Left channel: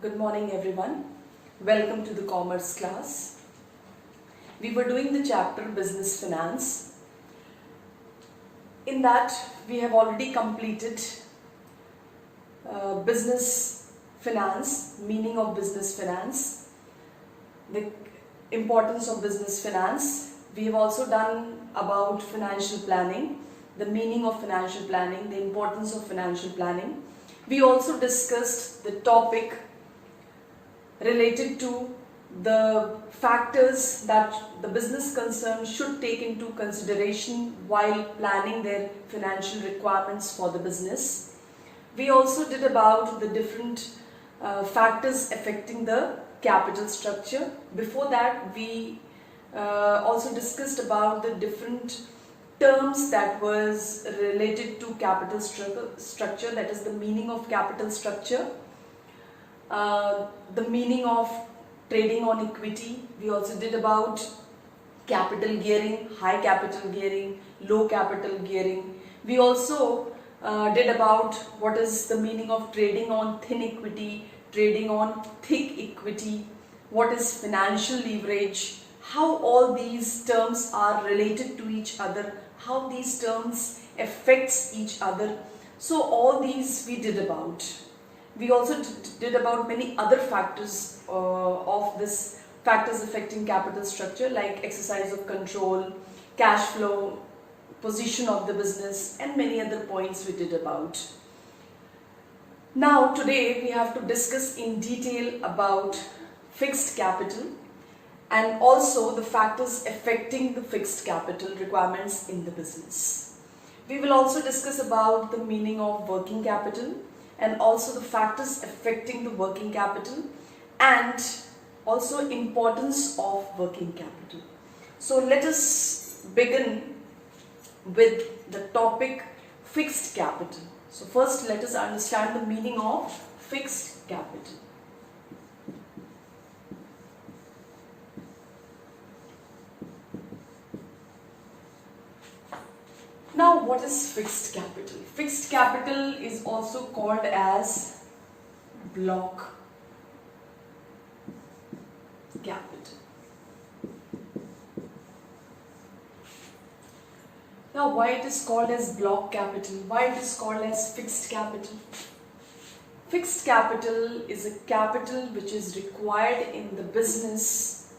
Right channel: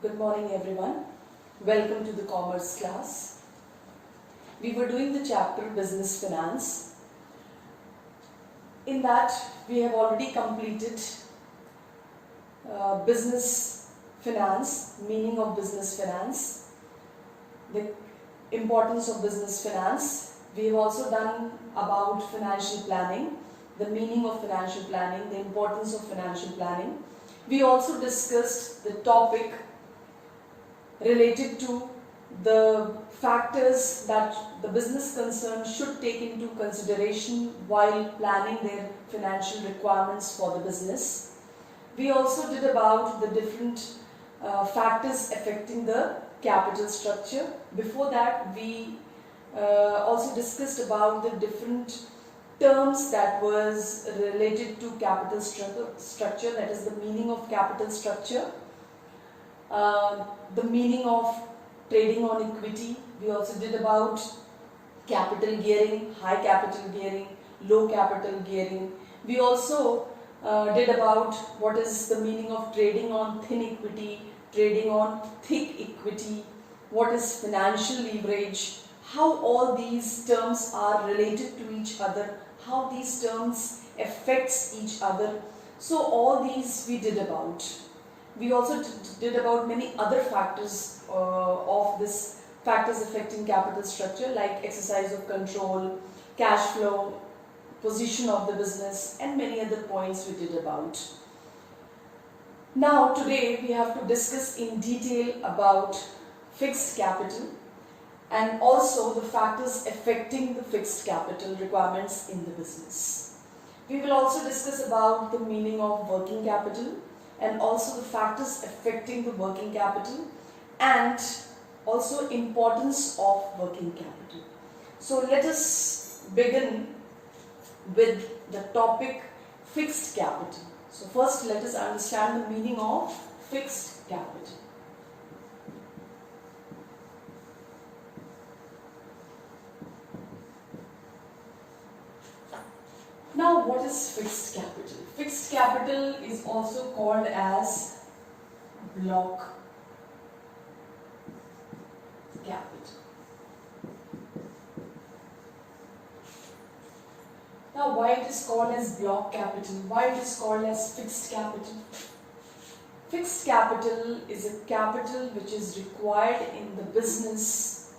Good morning everyone. Welcome to the commerce class. We were doing the chapter business finance. In that we have already completed business finance, meaning of business finance, the importance of business finance. We have also done about financial planning, the meaning of financial planning, the importance of financial planning. We also discussed the topic related to the factors that the business concern should take into consideration while planning their financial requirements for the business. We also did about the different factors affecting the capital structure. Before that, we also discussed about the different terms that was related to capital structure, that is the meaning of capital structure. The meaning of trading on equity. We also did about capital gearing, high capital gearing, low capital gearing. We also did about what is the meaning of trading on thin equity, trading on thick equity, what is financial leverage, how all these terms are related to each other, how these terms affects each other. So all these we did about. We also did about many other factors of this factors affecting capital structure, like exercise of control, cash flow, position of the business, and many other points we did about. Now today we have to discuss in detail about fixed capital and also the factors affecting the fixed capital requirements in the business. We will also discuss about the meaning of working capital and also the factors affecting the working capital and also importance of working capital. So let us begin with the topic fixed capital. So first let us understand the meaning of fixed capital. Now what is fixed capital? Fixed capital is also called as block capital. Now why it is called as block capital? Why it is called as fixed capital? Fixed capital is a capital which is required in the business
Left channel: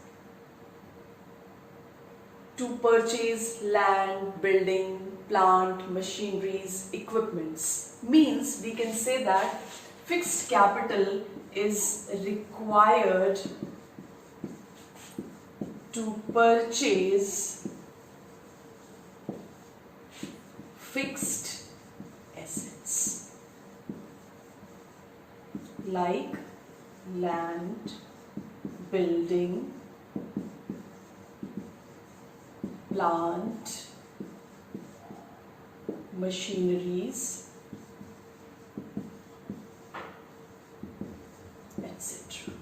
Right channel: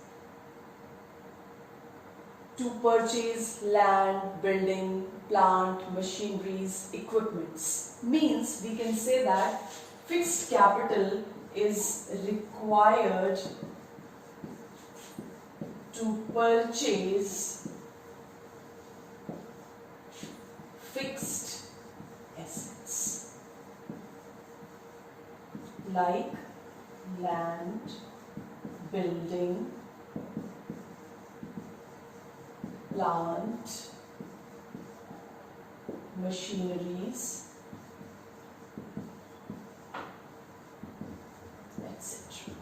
to purchase land, building, plant, machineries, equipments. Means we can say that fixed capital is required to purchase fixed assets like land, building, plant, machineries, etc.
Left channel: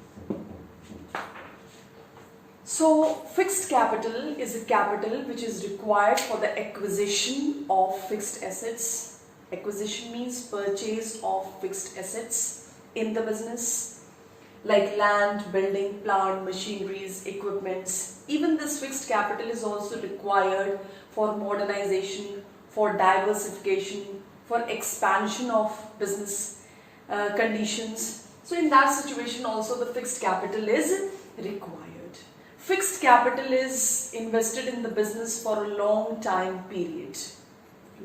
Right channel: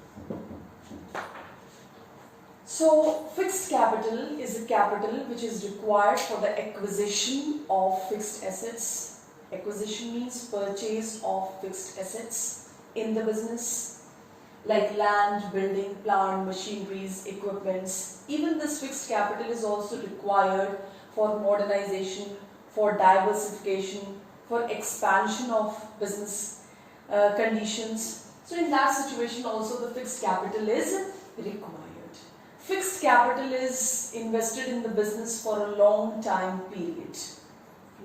So fixed capital is a capital which is required for the acquisition of fixed assets. Acquisition means purchase of fixed assets in the business like land, building, plant, machineries, equipments. Even this fixed capital is also required for modernization, for diversification, for expansion of business conditions. So in that situation also the fixed capital is required. Fixed capital is invested in the business for a long time period.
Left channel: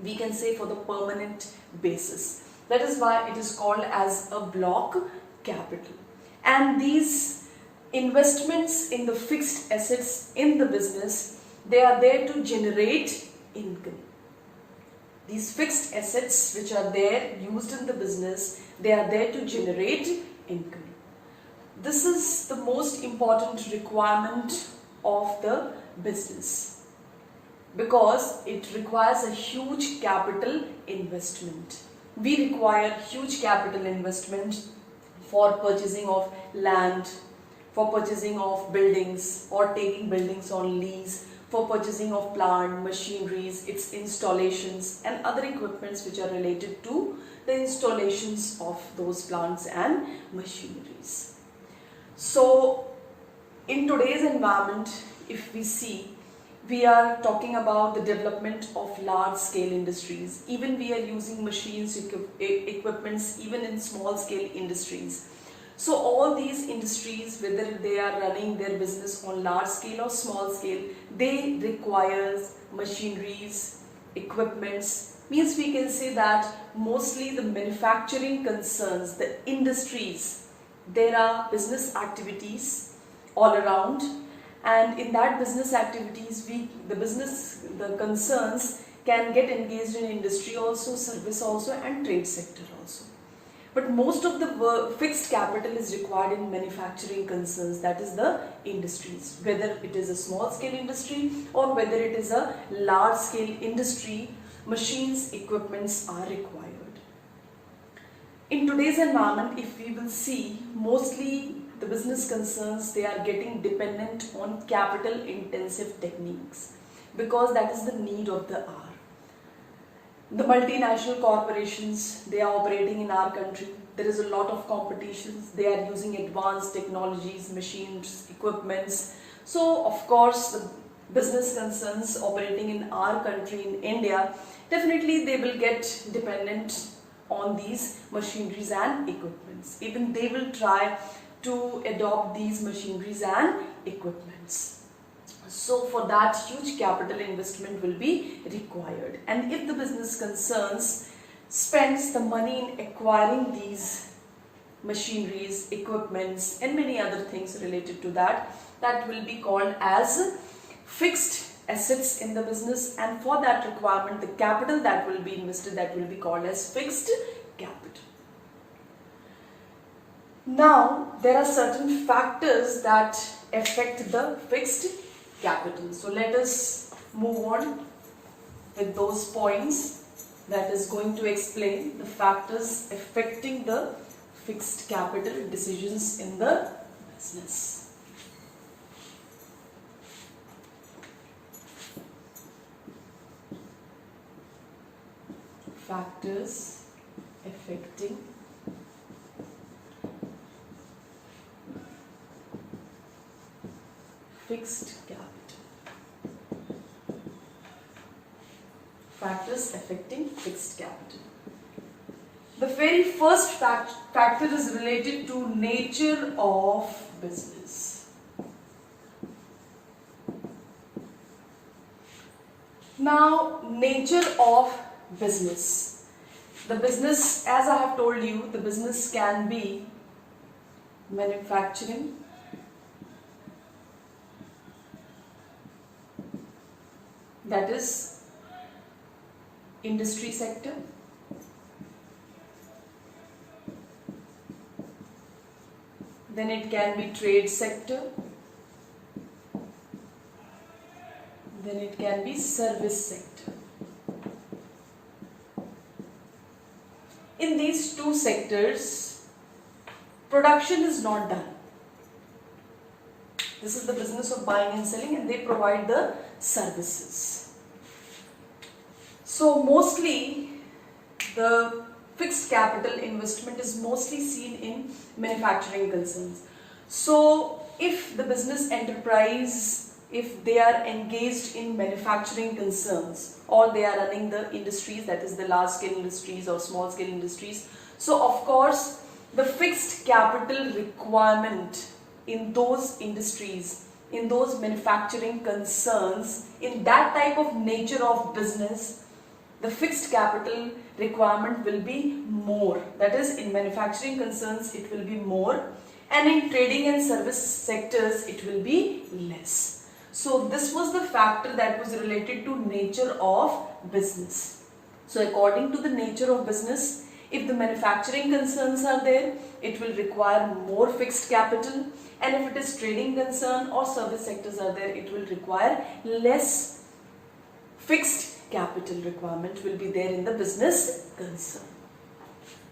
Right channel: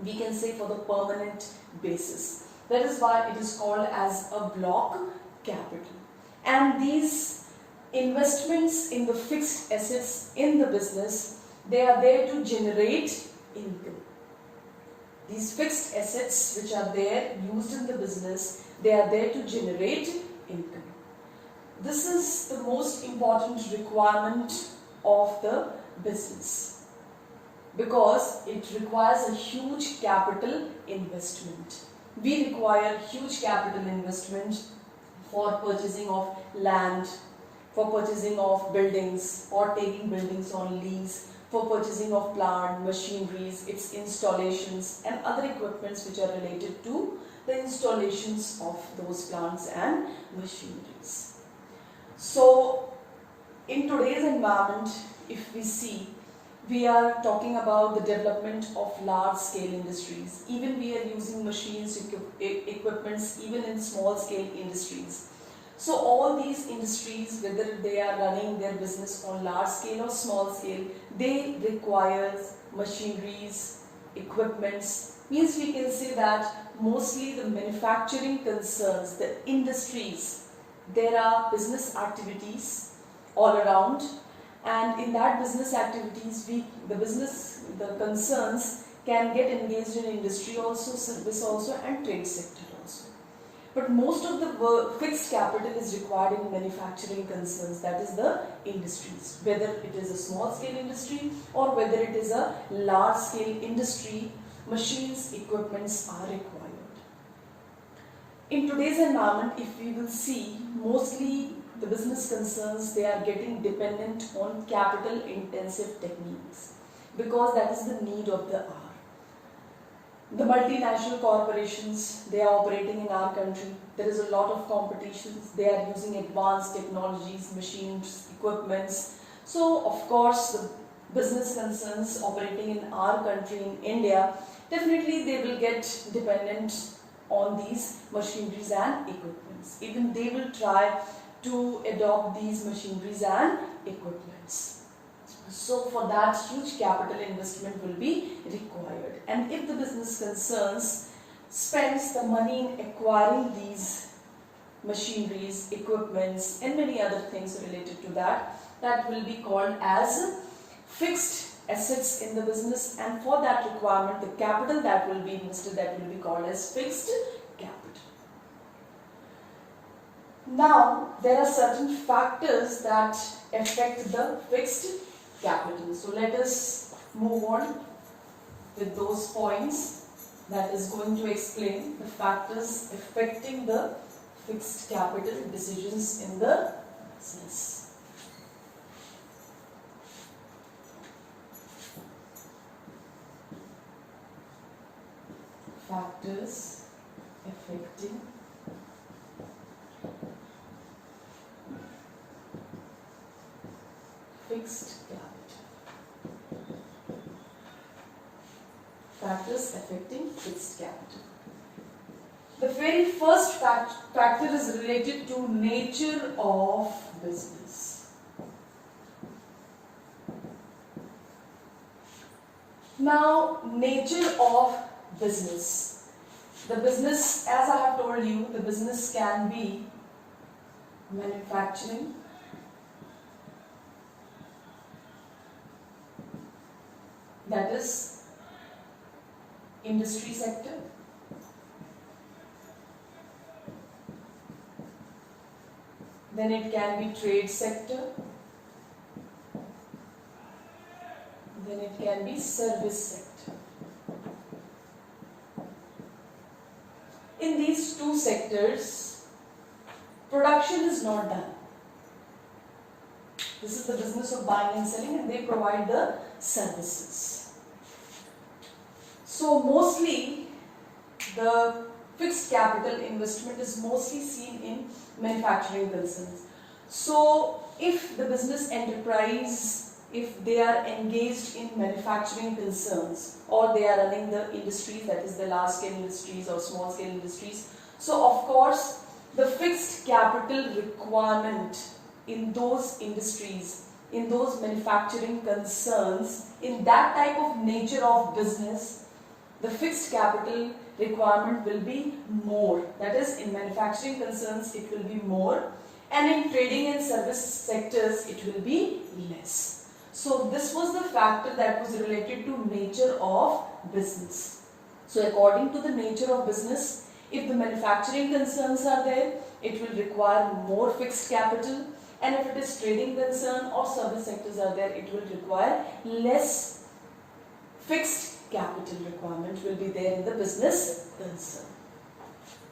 We can say for the permanent basis. That is why it is called as a block capital. And these investments in the fixed assets in the business, they are there to generate income. These fixed assets which are there used in the business, they are there to generate income. This is the most important requirement of the business because it requires a huge capital investment. We require huge capital investment for purchasing of land, for purchasing of buildings or taking buildings on lease, for purchasing of plant, machineries, its installations and other equipments which are related to the installations of those plants and machineries. So in today's environment, if we see, we are talking about the development of large scale industries. Even we are using machines, equipments, even in small scale industries. So all these industries, whether they are running their business on large scale or small scale, they require machineries, equipments. Means we can say that mostly the manufacturing concerns, the industries, there are business activities all around, and in that business activities, the concerns can get engaged in industry also, service also, and trade sector also. But most of the fixed capital is required in manufacturing concerns, that is the industries. Whether it is a small scale industry or whether it is a large scale industry, machines, equipments are required. In today's environment, if we will see, mostly the business concerns, they are getting dependent on capital intensive techniques because that is the need of the hour. The multinational corporations, they are operating in our country. There is a lot of competitions. They are using advanced technologies, machines, equipments. So, of course, the business concerns operating in our country, in India, definitely they will get dependent on these machineries and equipments. Even they will try to adopt these machineries and equipments. So for that, huge capital investment will be required. And if the business concerns spends the money in acquiring these machineries, equipments, and many other things related to that, that will be called as fixed assets in the business. And for that requirement, the capital that will be invested, that will be called as fixed capital. Now, there are certain factors that affect the fixed capital. So let us move on with those points that is going to explain the factors affecting the fixed capital decisions in the business. Factors affecting fixed capital. Factors affecting fixed capital. The very first factor is related to nature of business. Now, nature of business. The business, as I have told you, the business can be manufacturing, that is industry sector, then it can be trade sector, then it can be service sector. In these two sectors, production is not done. This is the business of buying and selling, and they provide the services. So mostly the fixed capital investment is mostly seen in manufacturing concerns. So if the business enterprise, if they are engaged in manufacturing concerns or they are running the industries, that is the large scale industries or small scale industries, so of course the fixed capital requirement in those industries, in those manufacturing concerns, in that type of nature of business, the fixed capital requirement will be more. That is, in manufacturing concerns it will be more, and in trading and service sectors it will be less. So this was the factor that was related to nature of business. So according to the nature of business, if the manufacturing concerns are there, it will require more fixed capital, and if it is trading concern or service sectors are there, it will require less fixed capital requirement will be there in the business concern.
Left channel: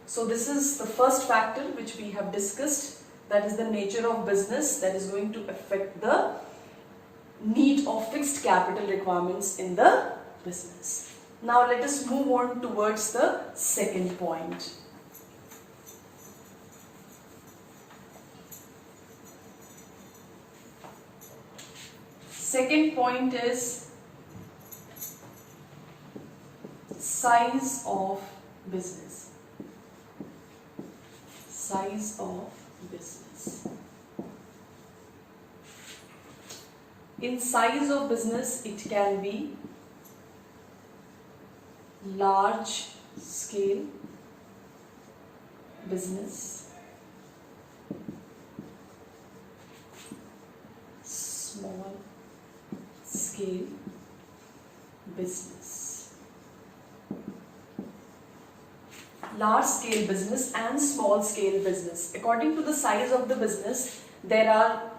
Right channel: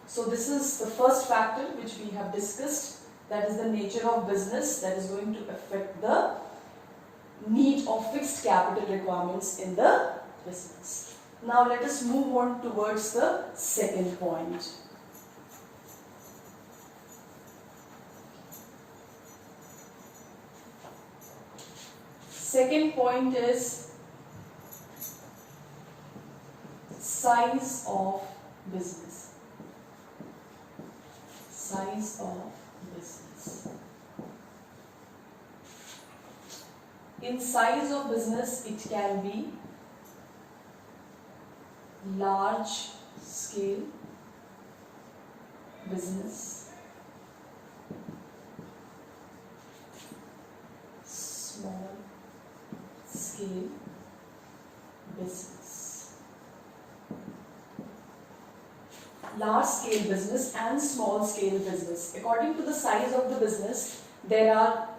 So this is the first factor which we have discussed, that is the nature of business, that is going to affect the need of fixed capital requirements in the business. Now let us move on towards the second point. Second point is size of business. Size of business. In size of business, it can be large scale business, small scale business. Large scale business and small scale business. According to the size of the business, there are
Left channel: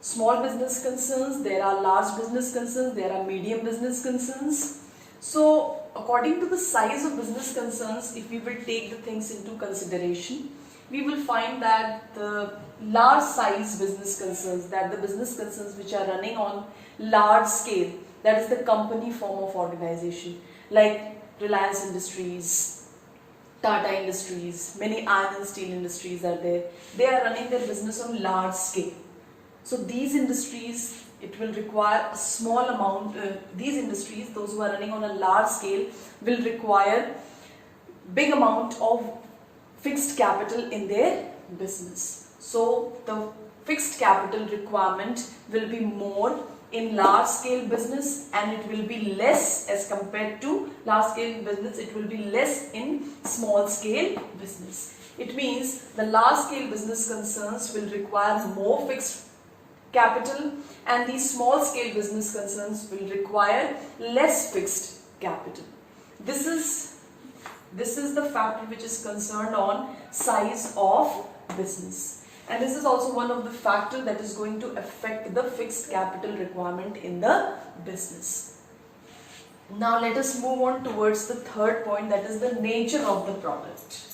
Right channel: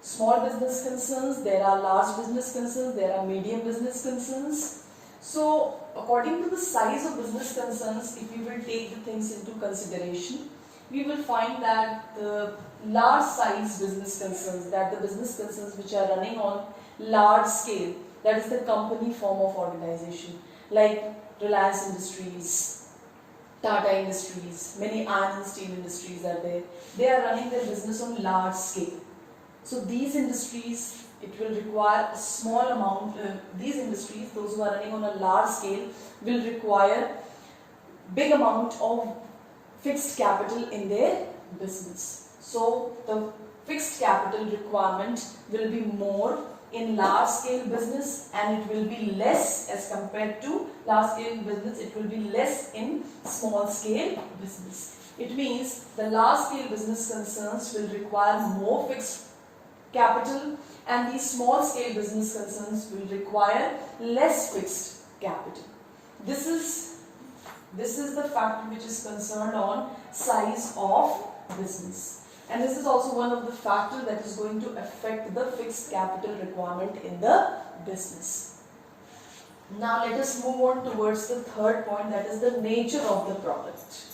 small business concerns, there are large business concerns, there are medium business concerns. So according to the size of business concerns, if we will take the things into consideration, we will find that the large size business concerns, that the business concerns which are running on large scale, that is the company form of organization, like Reliance Industries, Tata Industries, many iron and steel industries are there. They are running their business on large scale. So these industries, it will require a small amount, these industries, those who are running on a large scale, will require big amount of fixed capital in their business. So the fixed capital requirement will be more in large scale business, and it will be less as compared to large scale business, it will be less in small scale business. It means the large scale business concerns will require more fixed capital, and these small scale business concerns will require less fixed capital. This is the factor which is concerned on size of business, and this is also one of the factors that is going to affect the fixed capital requirement in the business. Now let us move on towards the third point, that is the nature of the product.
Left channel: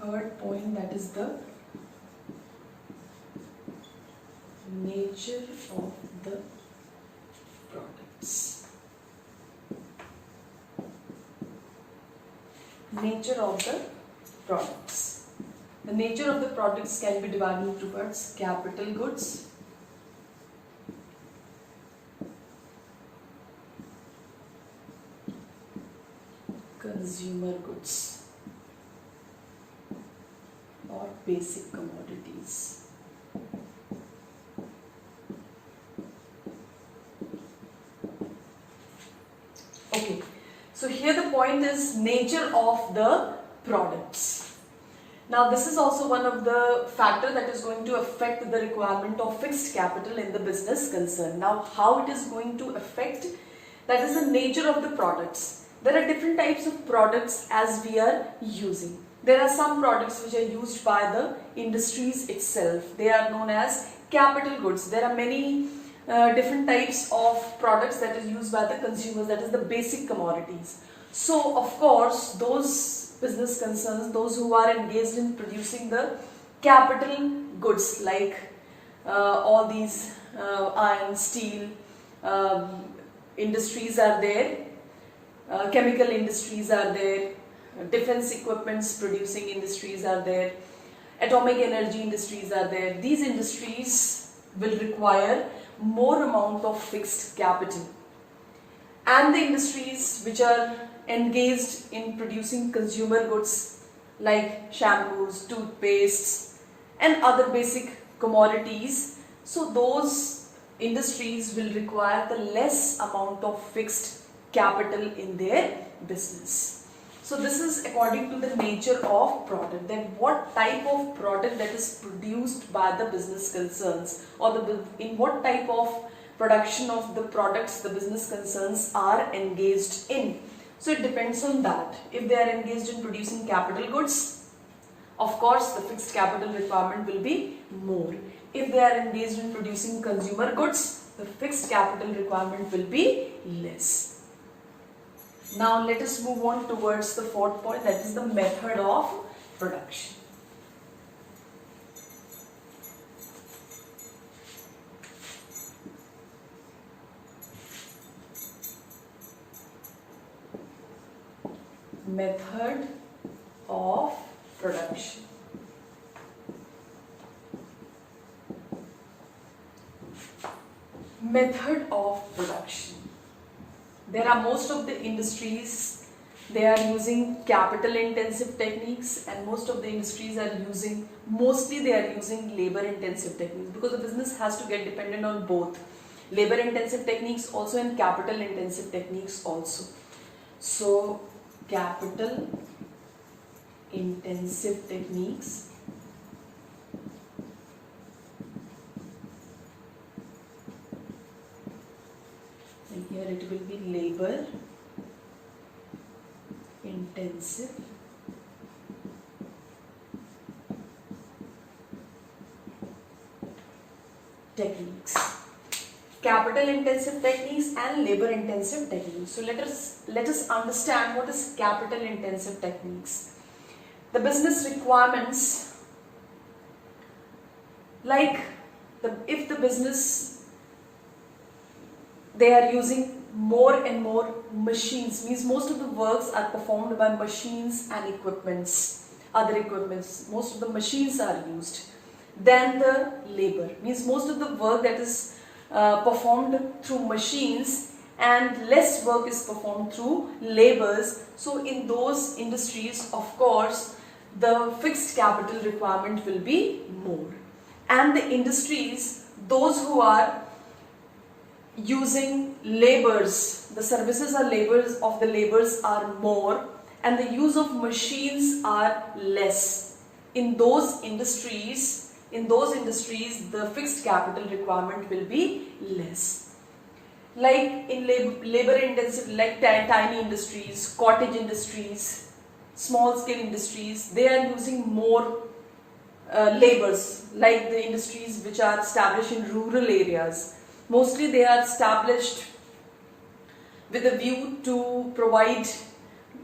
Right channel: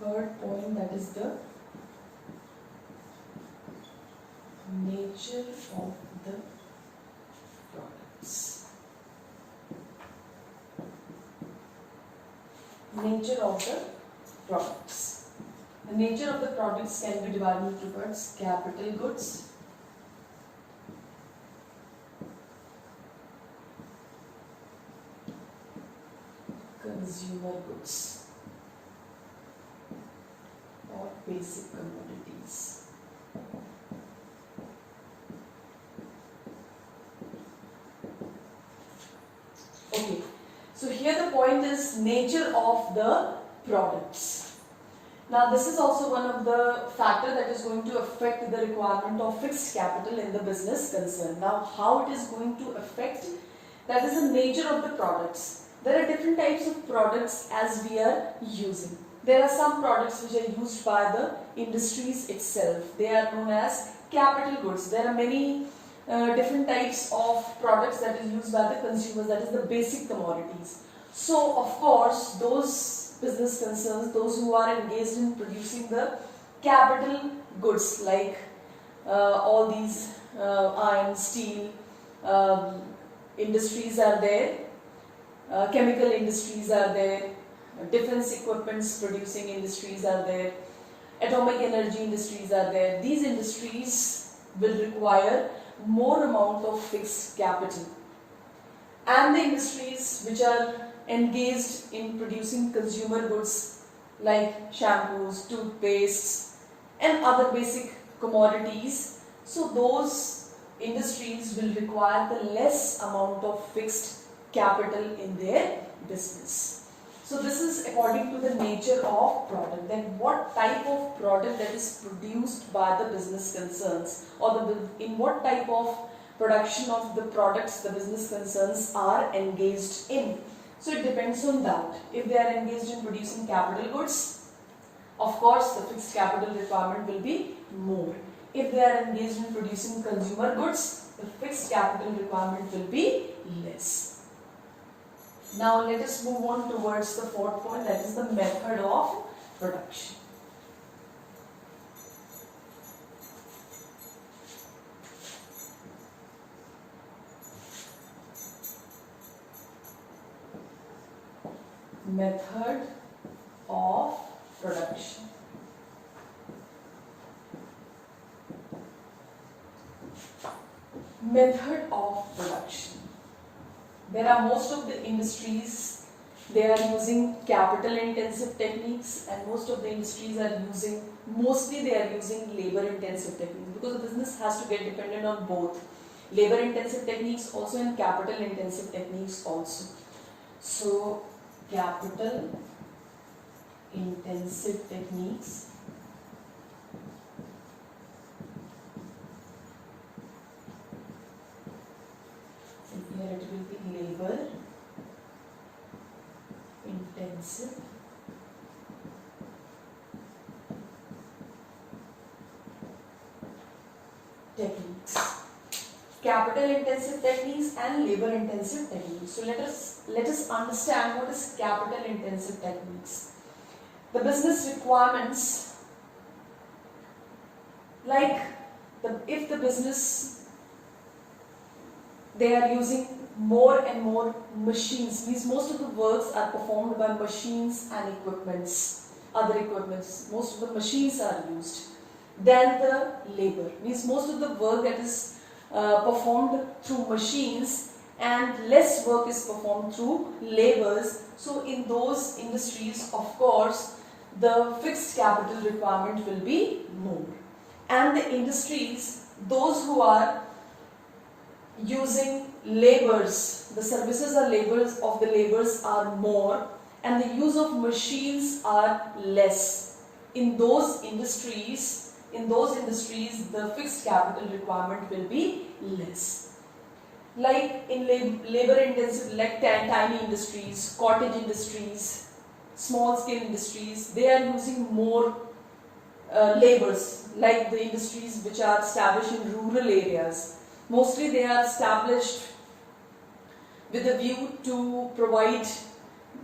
Third point, that is the nature of the products. Nature of the products. The nature of the products can be divided into parts: capital goods, consumer goods, or basic commodities. Okay, so here the point is nature of the products. Now this is also one of the factor that is going to affect the requirement of fixed capital in the business concern. Now how it is going to affect, that is the nature of the products. There are different types of products as we are using. There are some products which are used by the industries itself. They are known as capital goods. There are many different types of products that are used by the consumers, that is the basic commodities. So of course those business concerns, those who are engaged in producing the capital goods like all these iron, steel industries are there, chemical industries are there, defense equipments producing industries are there, atomic energy industries are there. These industries will require more amount of fixed capital, and the industries which are engaged in producing consumer goods like shampoos, toothpastes and other basic commodities, so those industries will require the less amount of fixed capital in their business. So this is according to the nature of product, then what type of product that is produced by the business concerns, or in what type of production of the products the business concerns are engaged in. So it depends on that. If they are engaged in producing capital goods, of course the fixed capital requirement will be more. If they are engaged in producing consumer goods, the fixed capital requirement will be less. Now let us move on towards the fourth point, that is the method of production. Method of production. Method of production. There are most of the industries, they are using capital intensive techniques, and most of the industries are using, mostly they are using labor intensive techniques, because the business has to get dependent on both labor intensive techniques also and capital intensive techniques also. So capital intensive techniques and here it will be labor intensive techniques. Capital intensive techniques and labor intensive techniques. So let us understand what is capital intensive techniques. The business requirements, like if the business, they are using more and more machines, means most of the works are performed by machines and equipments, other equipments, most of the machines are used. Then the labor, means most of the work that is performed through machines and less work is performed through labors. So in those industries, of course, the fixed capital requirement will be more. And the industries, those who are using labors, the services or labors of the labors are more and the use of machines are less. In those industries, the fixed capital requirement will be less. Like in labor intensive, like tiny industries, cottage industries, small scale industries, they are using more labors, like the industries which are established in rural areas. Mostly they are established with a view to provide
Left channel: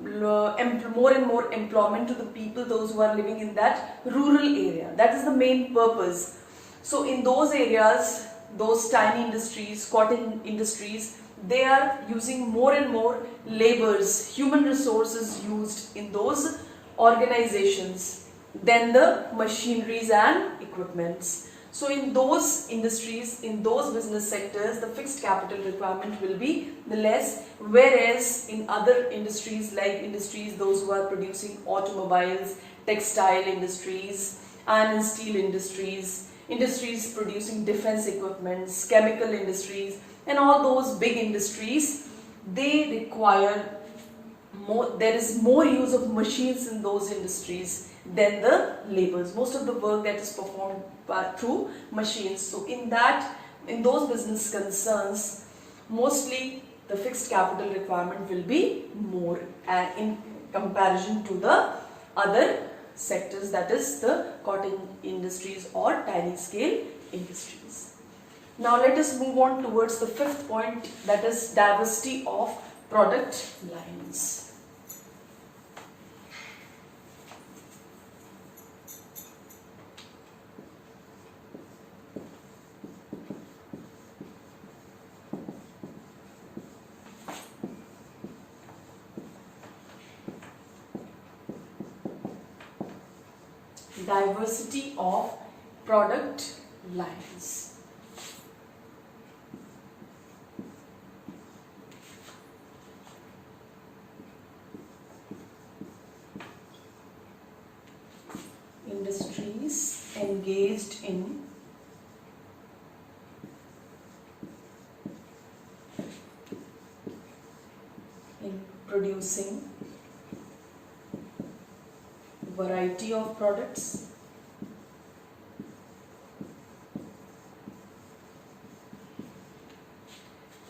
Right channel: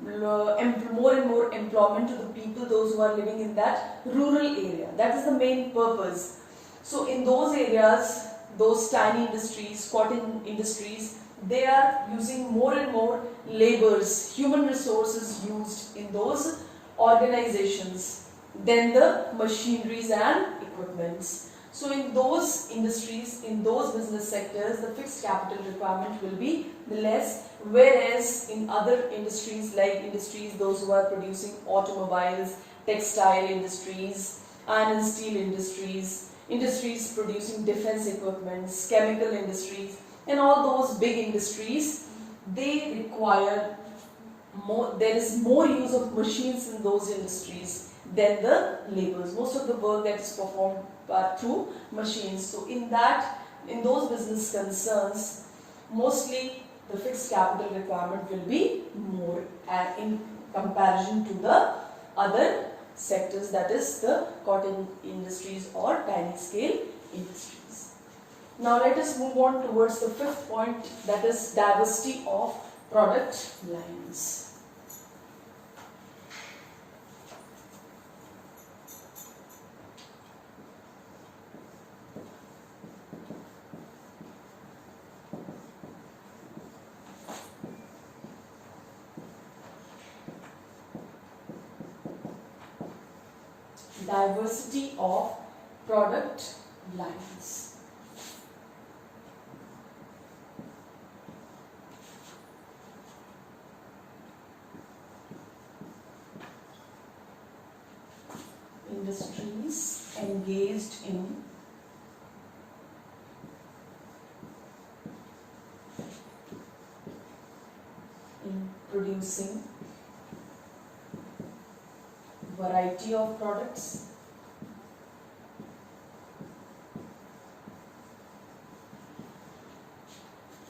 more and more employment to the people, those who are living in that rural area. That is the main purpose. So in those areas, those tiny industries, cottage industries, they are using more and more labors, human resources used in those organizations than the machineries and equipments. So in those industries, in those business sectors, the fixed capital requirement will be the less, whereas in other industries, like industries those who are producing automobiles, textile industries, iron and steel industries, industries producing defense equipments, chemical industries, and all those big industries, they require more, there is more use of machines in those industries than the labors. Most of the work that is performed through machines. So in those business concerns, mostly the fixed capital requirement will be more in comparison to the other sectors, that is the cotton industries or tiny scale industries. Now let us move on towards the fifth point, that is diversity of product lines. Diversity of product lines. Industries engaged in producing variety of products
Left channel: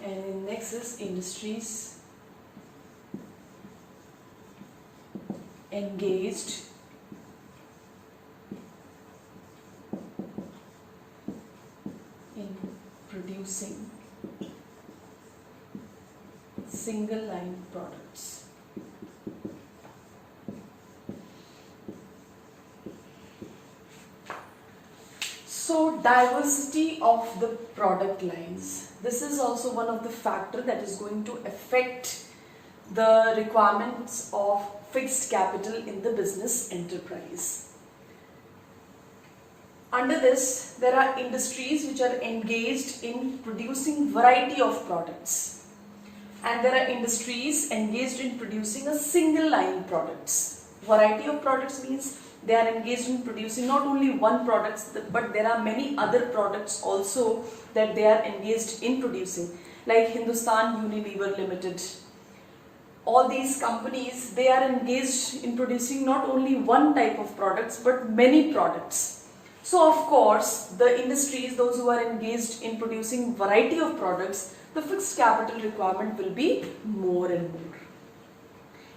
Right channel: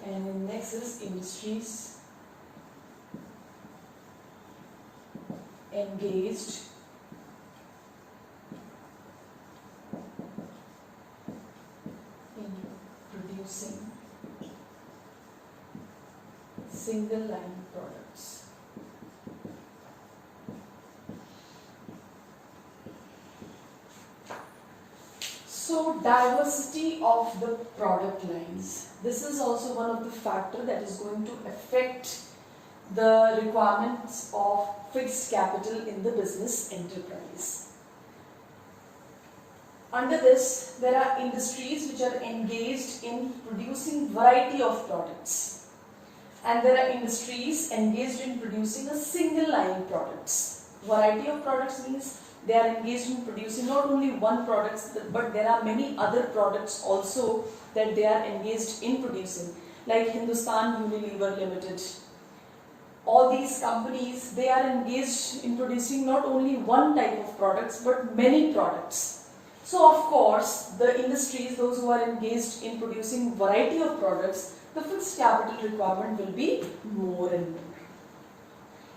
and in next is industries engaged in producing single line products. So diversity of the product lines. This is also one of the factors that is going to affect the requirements of fixed capital in the business enterprise. Under this, there are industries which are engaged in producing variety of products, and there are industries engaged in producing a single line products. Variety of products means they are engaged in producing not only one product, but there are many other products also that they are engaged in producing, like Hindustan Unilever Limited. All these companies, they are engaged in producing not only one type of products but many products. So of course, the industries, those who are engaged in producing variety of products, the fixed capital requirement will be more and more.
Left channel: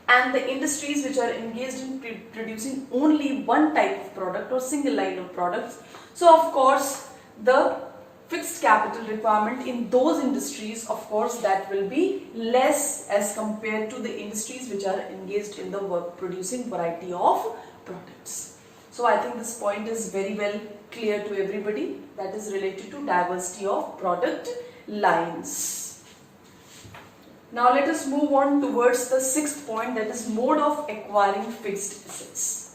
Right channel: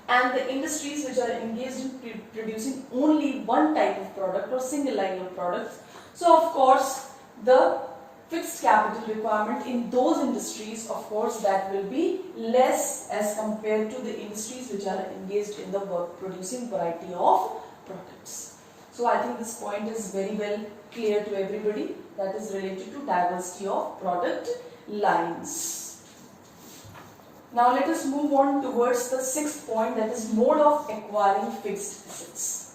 And the industries which are engaged in producing only one type of product or single line of products, so of course the fixed capital requirement in those industries, of course, that will be less as compared to the industries which are engaged in the work producing variety of products. So I think this point is very well clear to everybody, that is related to diversity of product lines. Now let us move on towards the sixth point, that is mode of acquiring fixed assets.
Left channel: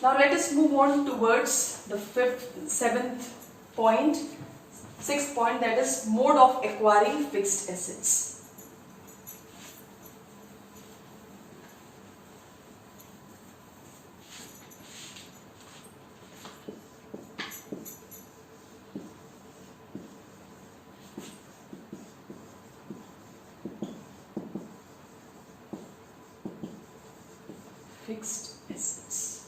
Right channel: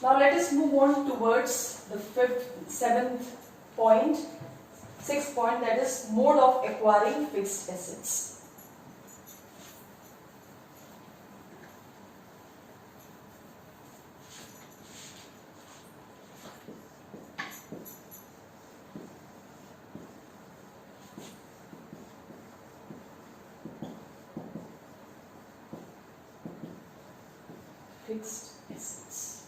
Now let us move on towards the sixth point, that is mode of acquiring fixed assets. Fixed assets.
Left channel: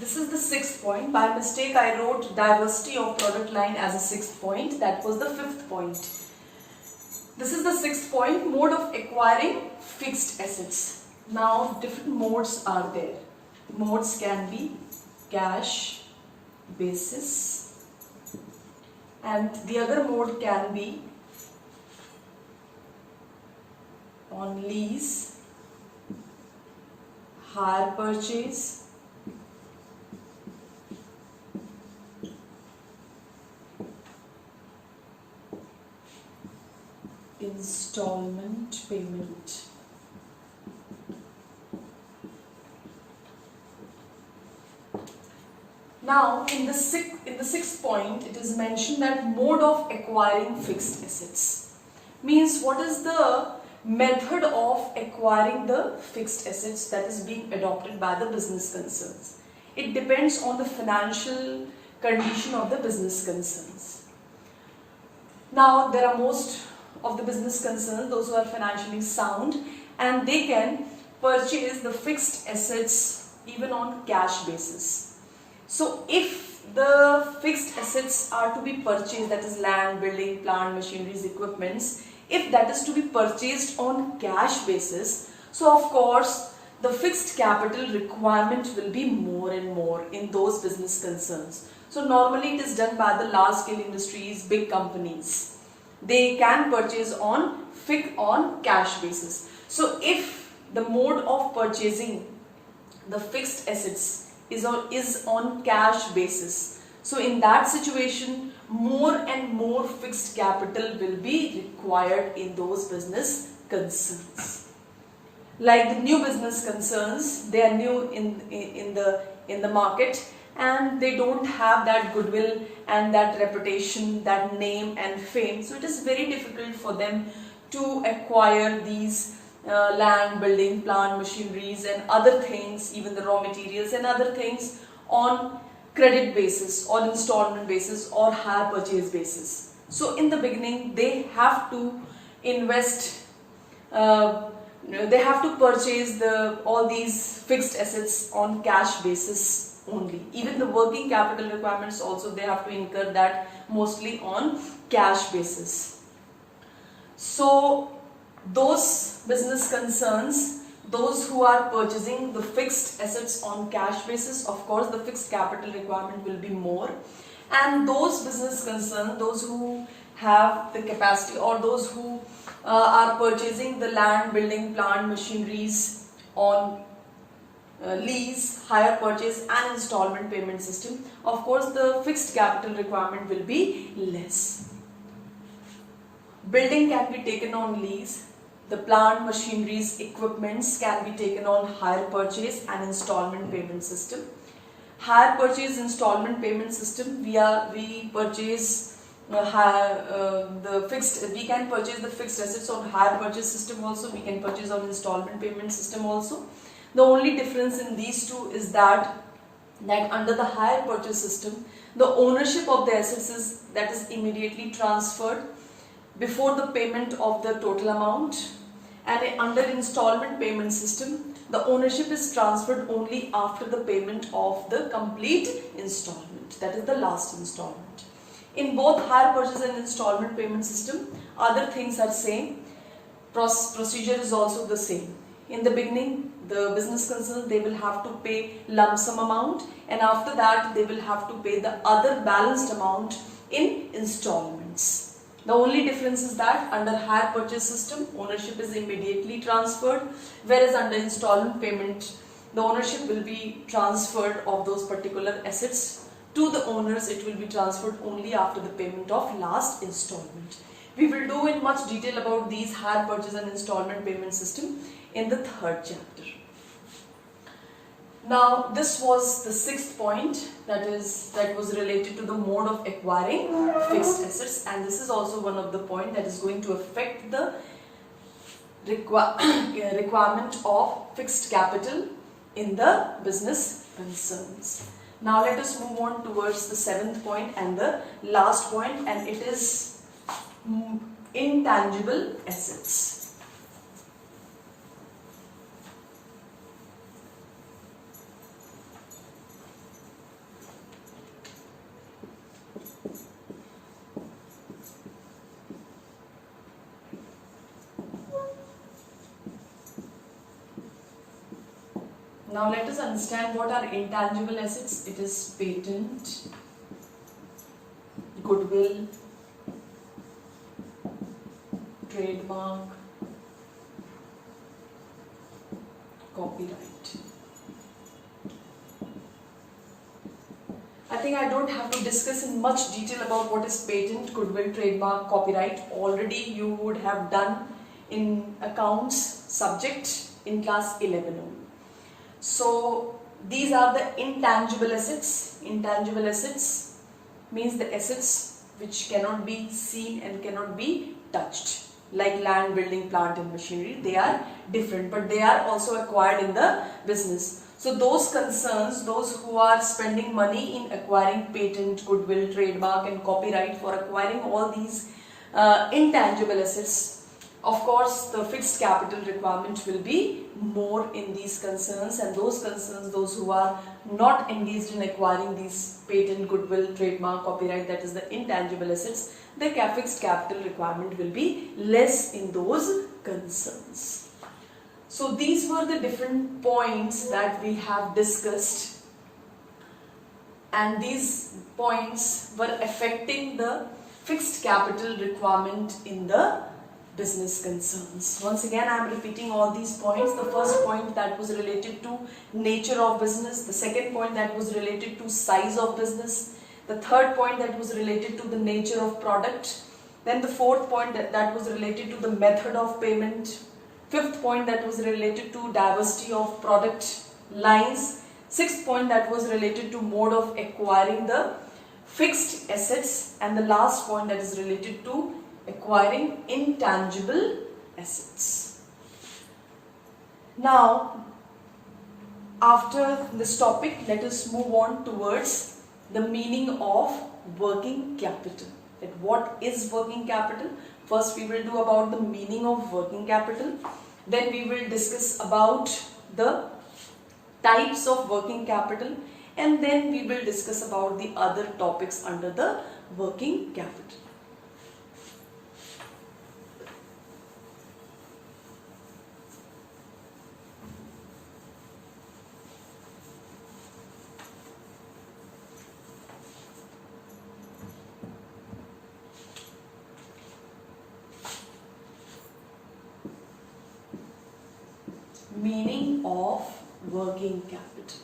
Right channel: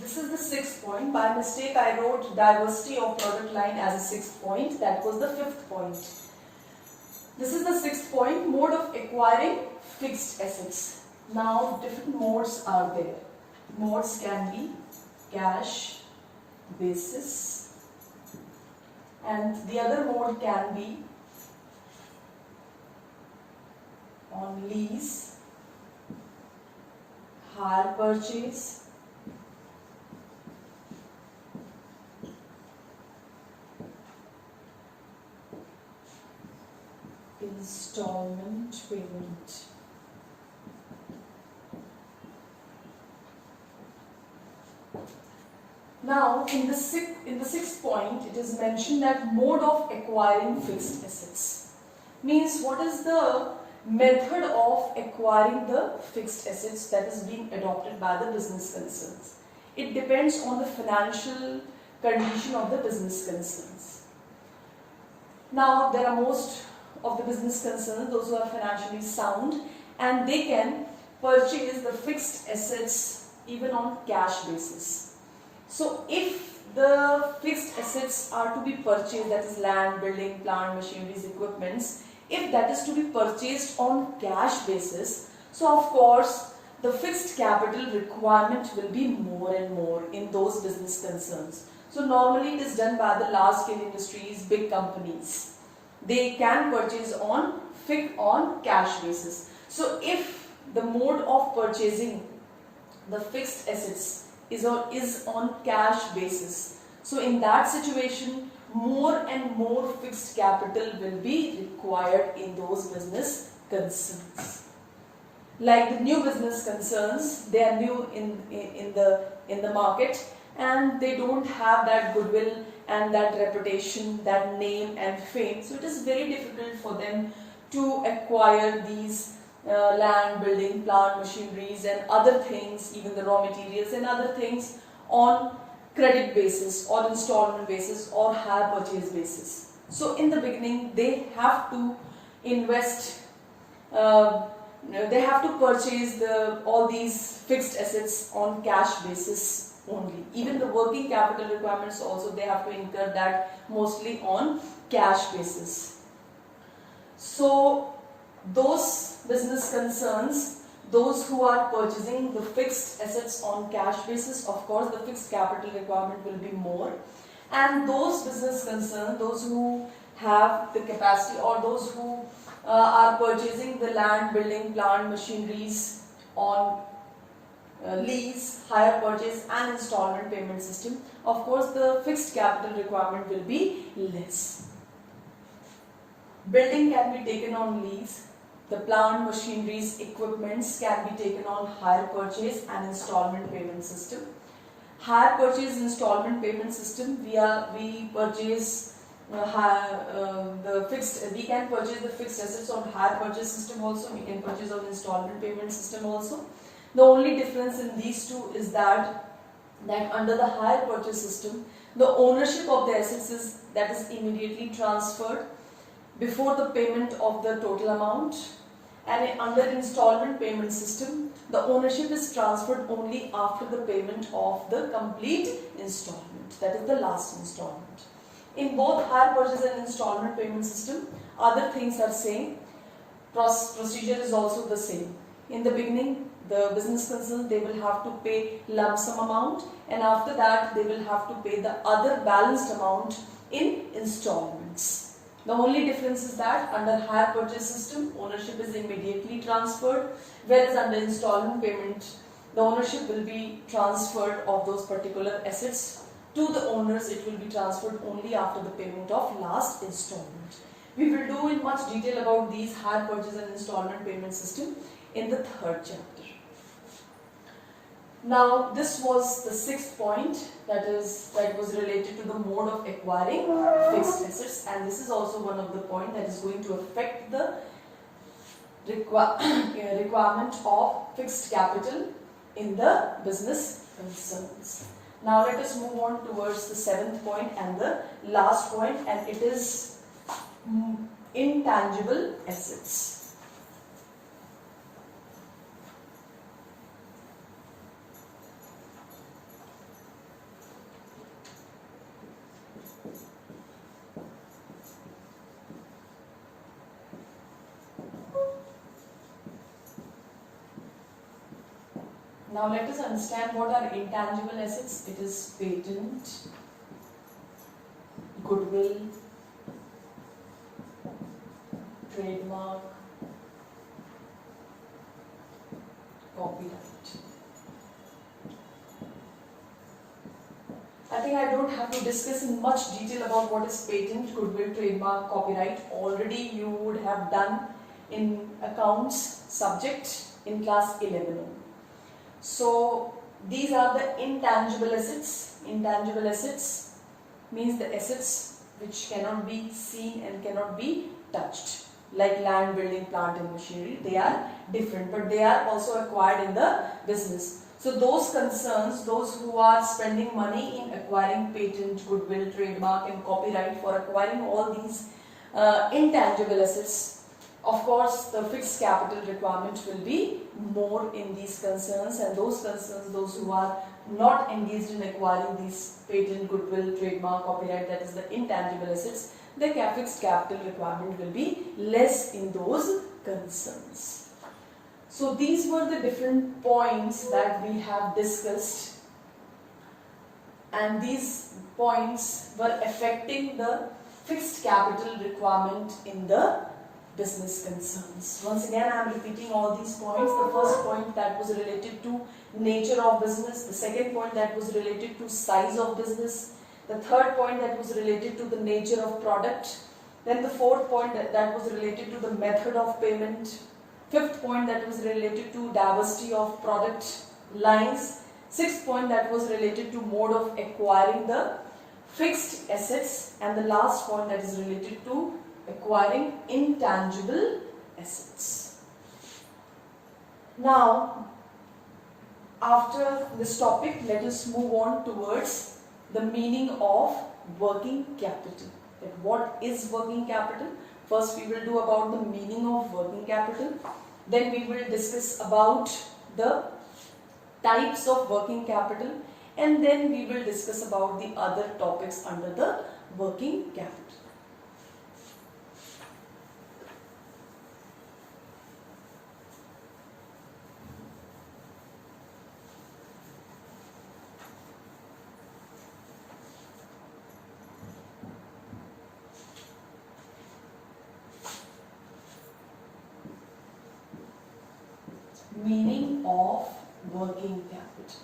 This is the sixth point. By mistake, I wrote diversity of product line as a sixth point. That was the fifth point. This is the sixth point, mode of acquiring fixed assets. Now, different modes are there. Modes can be cash basis, and the other mode can be on lease, hire purchase, installment payment. Now in the sixth point, it is mentioned that mode of acquiring fixed assets means what is the method of acquiring the fixed assets that is being adopted by the business concerns. It depends on the financial condition of the business concerns. Now there are most of the business concerns, those who are financially sound, and they can purchase the fixed assets even on cash basis. So if the fixed assets are to be purchased, that is land, building, plant, machineries, equipments, if that is to be purchased on cash basis, so of course the fixed capital requirement will be more and more in those business concerns. So normally it is done by the large scale industries, big companies. They can purchase on cash basis. So if the mode of purchasing the fixed assets is on cash basis, so in that situation more and more fixed capital will be required in those business concerns. Like the new business concerns, they are new in the market, and they don't have that goodwill and that reputation, that name and fame. So it is very difficult for them to acquire these land, building, plant, machineries and other things, even the raw materials and other things, on credit basis or installment basis or hire purchase basis. So in the beginning they have to invest, they have to purchase all these fixed assets on cash basis only. Even the working capital requirements also, they have to incur that mostly on cash basis. So those business concerns, those who are purchasing the fixed assets on cash basis, of course the fixed capital requirement will be more. And those business concerns, those who have the capacity, or those who are purchasing the land, building, plant, machineries on lease, hire purchase and installment payment system, of course the fixed capital requirement will be less. Building can be taken on lease. The plant, machineries, equipments can be taken on hire purchase and installment payment system. Hire purchase installment payment system, we purchase we can purchase the fixed assets on hire purchase system also, we can purchase on installment payment system also. The only difference in these two is that under the hire purchase system, the ownership of the assets is immediately transferred before the payment of the total amount, and under installment payment system, the ownership is transferred only after the payment of the complete installment, that is the last installment. In both hire purchase and installment payment system, other things are same, procedure is also the same. In the beginning, the business concern, they will have to pay lump sum amount, and after that they will have to pay the other balanced amount in installments. The only difference is that under hire purchase system, ownership is immediately transferred, whereas under installment payment, the ownership will be transferred of those particular assets to the owners. It will be transferred only after the payment of last installment. We will do in much detail about these hire purchase and installment payment system in the third chapter. Now, this was the sixth point, that was related to the mode of acquiring fixed assets, and this is also one of the points that is going to affect the requirement of fixed capital in the business concerns. Now let us move on towards the seventh point and the last point, and it is intangible assets. Now let us understand what are intangible assets. It is patent, goodwill, trademark, copyright. I think I don't have to discuss in much detail about what is patent, goodwill, trademark, copyright. Already you would have done in accounts subject in class 11 only. So these are the intangible assets. Intangible assets means the assets which cannot be seen and cannot be touched, like land, building, plant and machinery. They are different, but they are also acquired in the business. So those concerns, those who are spending money in acquiring patent, goodwill, trademark and copyright, for acquiring all these intangible assets, of course, the fixed capital requirement will be more in these concerns, and those concerns, those who are not engaged in acquiring these patent, goodwill, trademark, copyright, that is the intangible assets, the fixed capital requirement will be less in those concerns. So these were the different points that we have discussed, and these points were affecting the fixed capital requirement in the business concerns. Once again, I am repeating all these points. The first point that was related to nature of business, the second point that was related to size of business, the third point that was related to the nature of product, then the fourth point that was related to the method of payment, fifth point that was related to diversity of product lines, sixth point that was related to mode of acquiring the fixed assets, and the last point that is related to acquiring intangible assets. Now, after this topic, let us move on towards the meaning of working capital. That what is working capital? First we will do about the meaning of working capital. Then we will discuss about the types of working capital, and then we will discuss about the other topics under the working capital. Meaning of working capital.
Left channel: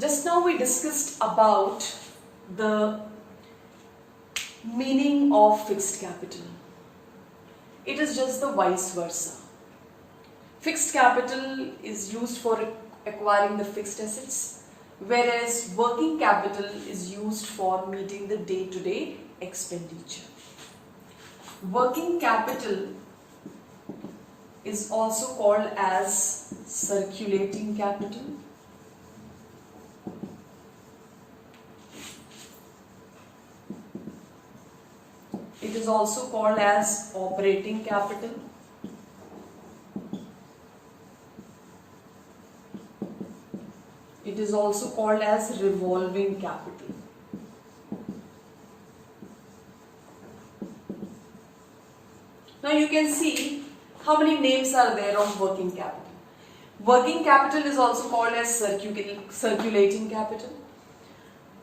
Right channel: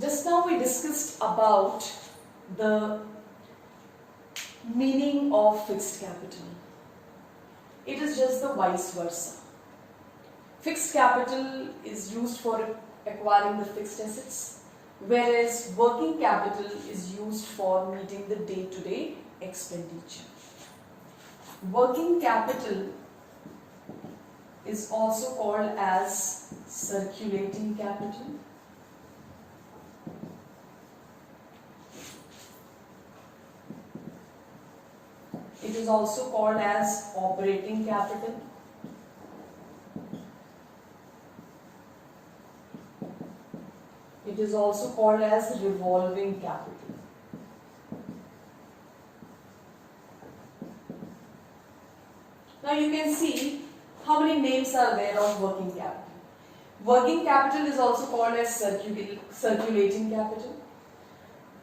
Just now we discussed about the meaning of fixed capital. It is just the vice versa. Fixed capital is used for acquiring the fixed assets, whereas working capital is used for meeting the day-to-day expenditure. Working capital is also called as circulating capital. It is also called as operating capital. It is also called as revolving capital. Now you can see how many names are there of working capital. Working capital is also called as circulating capital.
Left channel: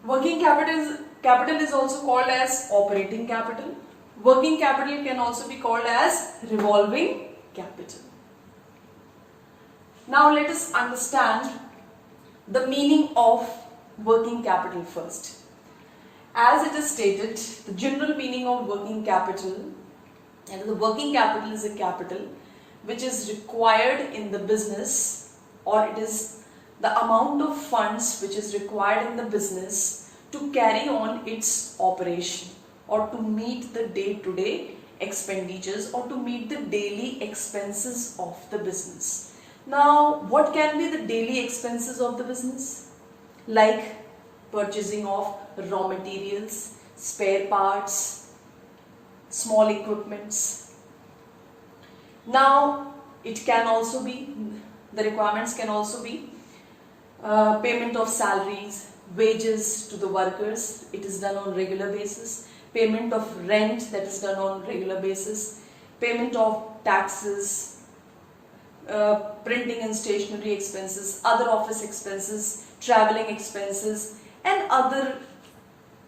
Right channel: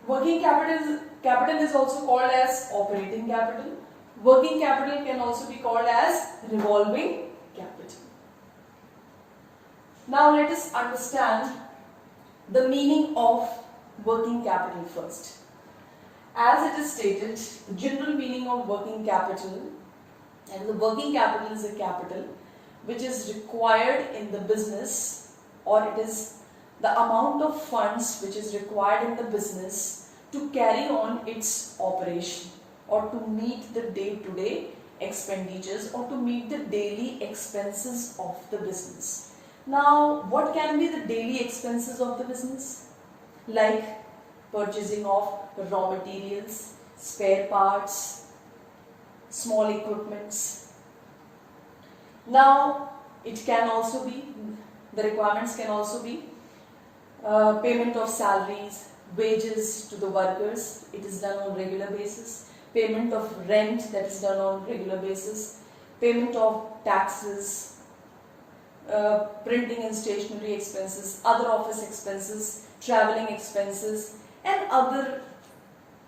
Working capital is also called as operating capital. Working capital can also be called as revolving capital. Now let us understand the meaning of working capital first. As it is stated, the general meaning of working capital, and the working capital is a capital which is required in the business, or it is the amount of funds which is required in the business to carry on its operation, or to meet the day-to-day expenditures, or to meet the daily expenses of the business. Now, what can be the daily expenses of the business? Like purchasing of raw materials, spare parts, small equipments. Now, it can also be, the requirements can also be payment of salaries, wages to the workers, it is done on regular basis, payment of rent, that is done on regular basis, payment of taxes, printing and stationery expenses, other office expenses, traveling expenses, and other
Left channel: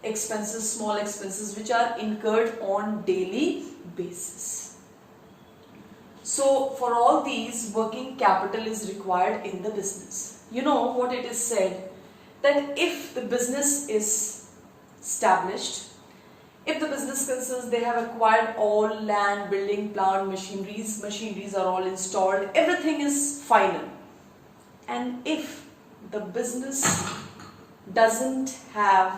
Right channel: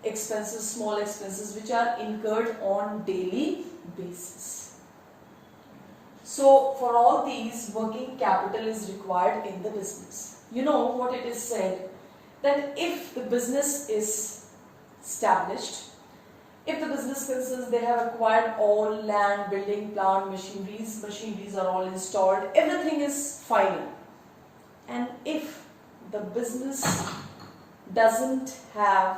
expenses, small expenses which are incurred on daily basis. So for all these, working capital is required in the business. You know what it is said, that if the business is established, if the business concerns, they have acquired all land, building, plant, machineries are all installed, everything is final. And if the business doesn't have